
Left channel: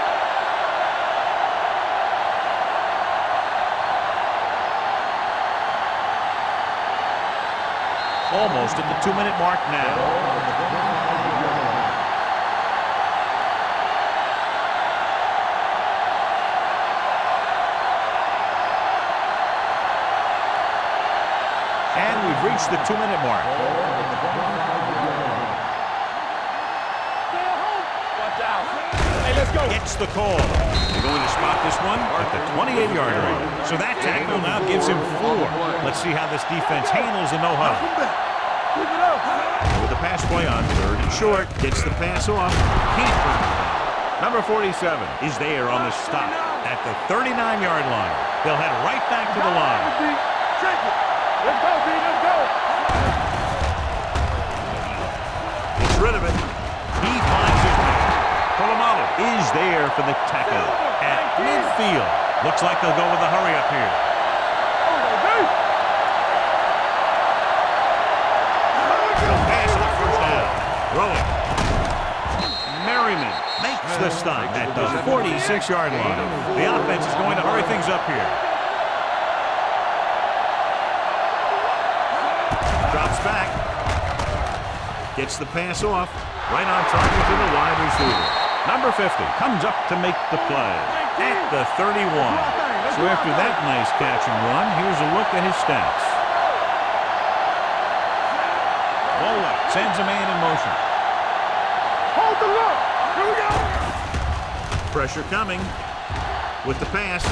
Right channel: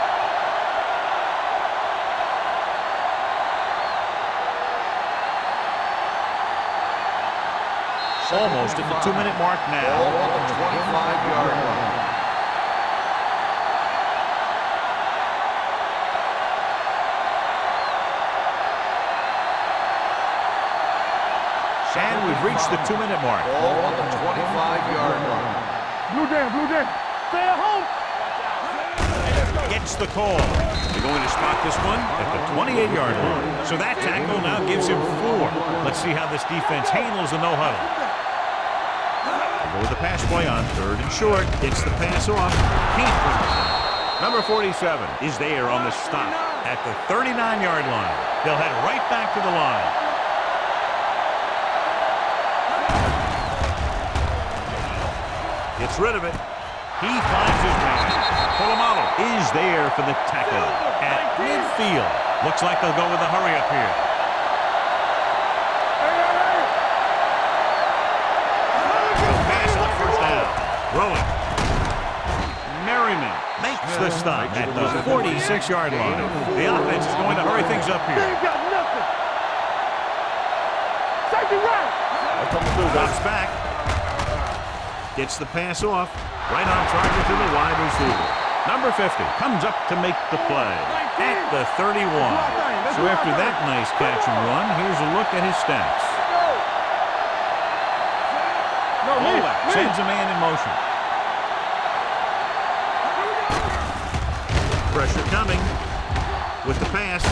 Almost at the 2-minute mark Ball now. on the 25-yard line. And we've reached the 2-minute mark. Ball on the 25-yard line. Blue down. Stay at home. Watch out. Hey, let's go. Gets the call. They're going to spot this one at the 28-yard line. So that tackle now gives him 4. Let's see how this defense handles the no-huddle. Go with the pass play on 3rd and short. Gets the pass off. Can't bring it down. Number 47 is there on the stop at the 39-yard line. They'll head right back to the line. Gets rid of it. He finds his man. Polamalu is there for the tackle at midfield. Looks like they'll go with a hurry up here. Pass on first down. Throwing. Merriman makes the stop at the 46-yard line. The offense is going to hurry things up here. Drops back. Gets the pass off. Right on target to the wide receiver. Number 50 comes up to make the play at the 31. So after that nice catch and run, here's a look at his stats. Ball left, sends a man in motion. Hold the look. Here we go. Pressure coming with the pass,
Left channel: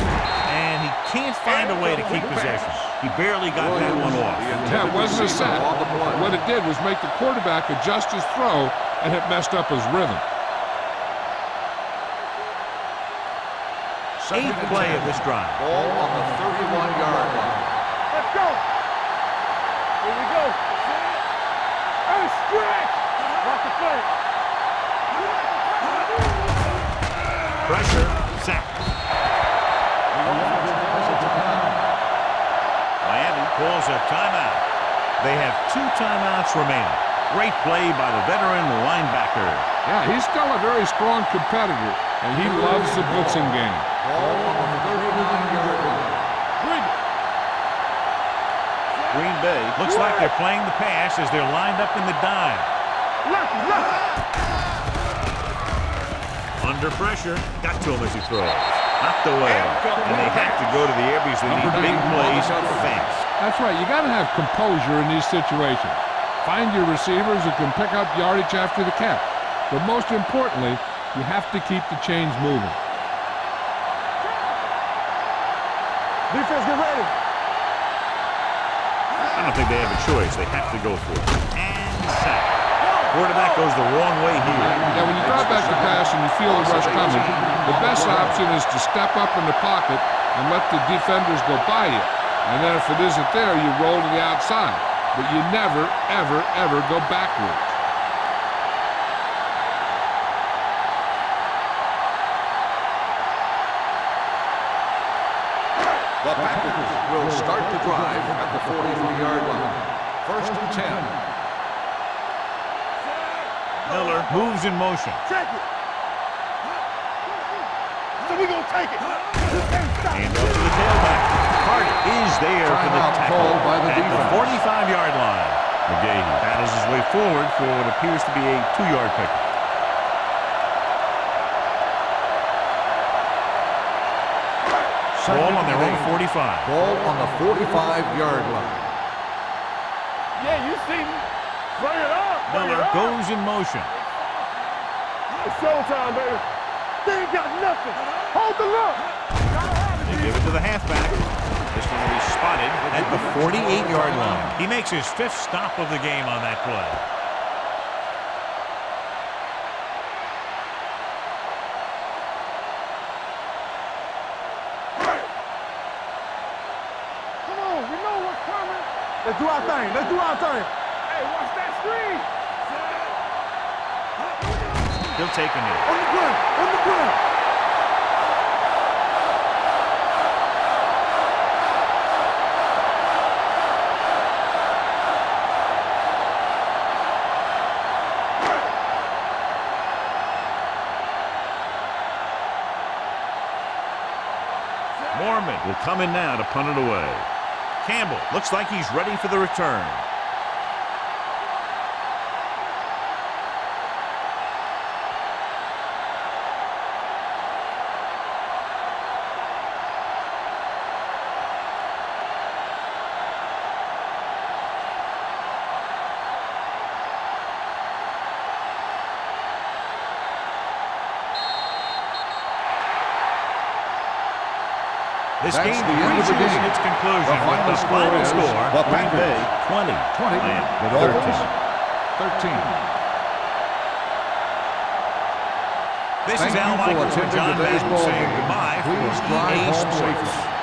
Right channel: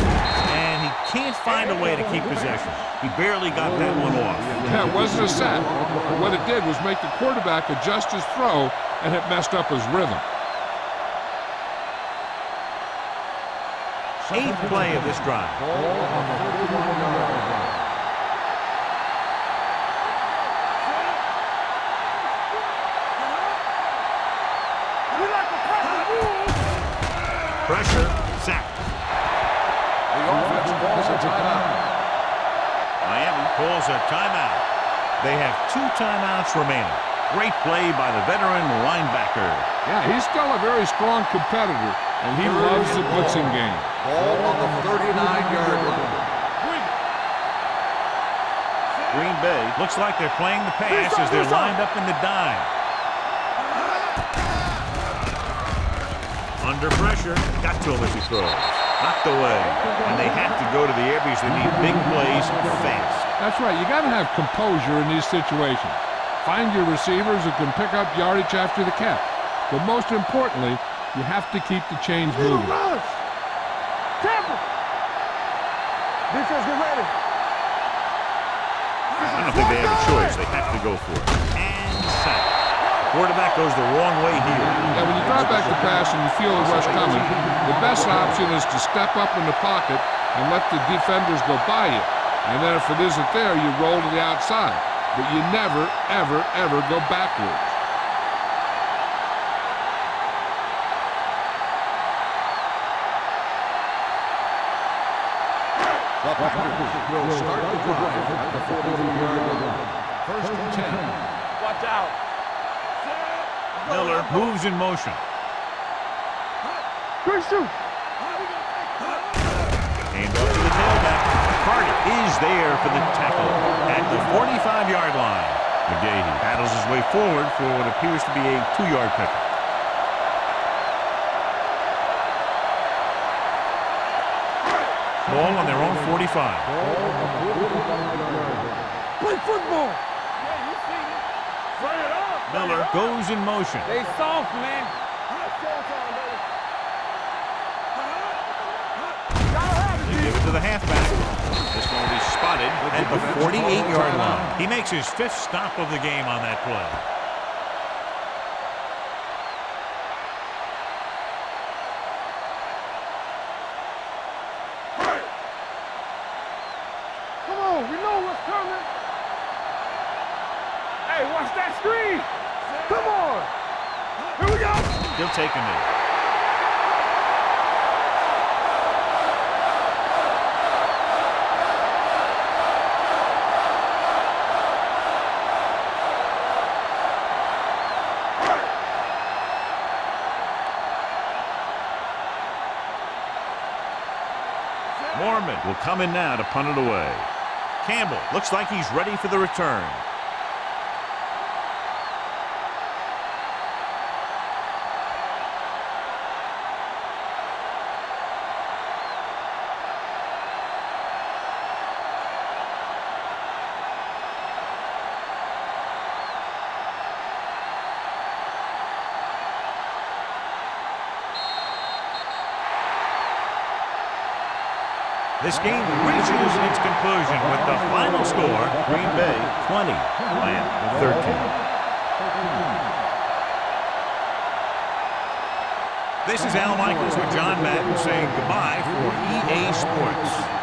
and he can't find a way to keep possession. He barely got that one off. Yeah, it wasn't a sack. What it did was make the quarterback adjust his throw, and it messed up his rhythm. 8th play of this drive. Ball on the 31-yard line. Let's go. Here we go. Set. Hey, stretch. Like the first. We like the pressure. Pressure, sack. The offense calls a timeout. Miami calls a timeout. They have 2 timeouts remaining. Great play by the veteran linebacker. Yeah, he's still a very strong competitor, and he loves the blitzing game. Ball on the 39-yard line. Bring it. Green Bay looks like they're playing the pass as they're lined up in the dime. Under pressure, got to him as he throws. Knocked away, and they have to go to the air because they need big plays fast. That's right. You got to have composure in these situations. Find your receivers who can pick up yardage after the catch. But most importantly, you have to keep the chains moving. Defense, get ready. I don't think they have a choice. They have to go for it. And sack. Quarterback goes the wrong way here. Yeah, when you drop back to pass and you feel the rush coming, the best option is to step up in the pocket and let the defenders go by you. And then if it isn't there, you roll to the outside. But you never, ever, ever go backwards. The Packers will start the drive at the 43-yard line. First and 10. Miller moves in motion. Quick shoot. We gonna take it. Hand off to the tailback. Carter is there for the tackle at the 45-yard line. McGahee battles his way forward for what appears to be a 2-yard pickup. Ball on their own 45. Ball on the 45-yard line. Play football. Yeah, you see me. Bring it up. Miller goes in motion. They soft, man. It's showtime, baby. They ain't got nothing. Hold the look. Gotta have it, They give it to the halfback. This one will be spotted at the 48-yard line. He makes his 5th stop of the game on that play. Come on, we know what's coming. Let's do our thing. Let's do our thing. Hey, watch that screen. Come on. Here we go. He'll take a knee. On the ground. On the ground. Mormon will come in now to punt it away. Campbell looks like he's ready for the return. This game reaches its conclusion with the final score, Green Bay 20, Miami 13. 13. This is Al Michaels with John Madden saying goodbye for EA Sports.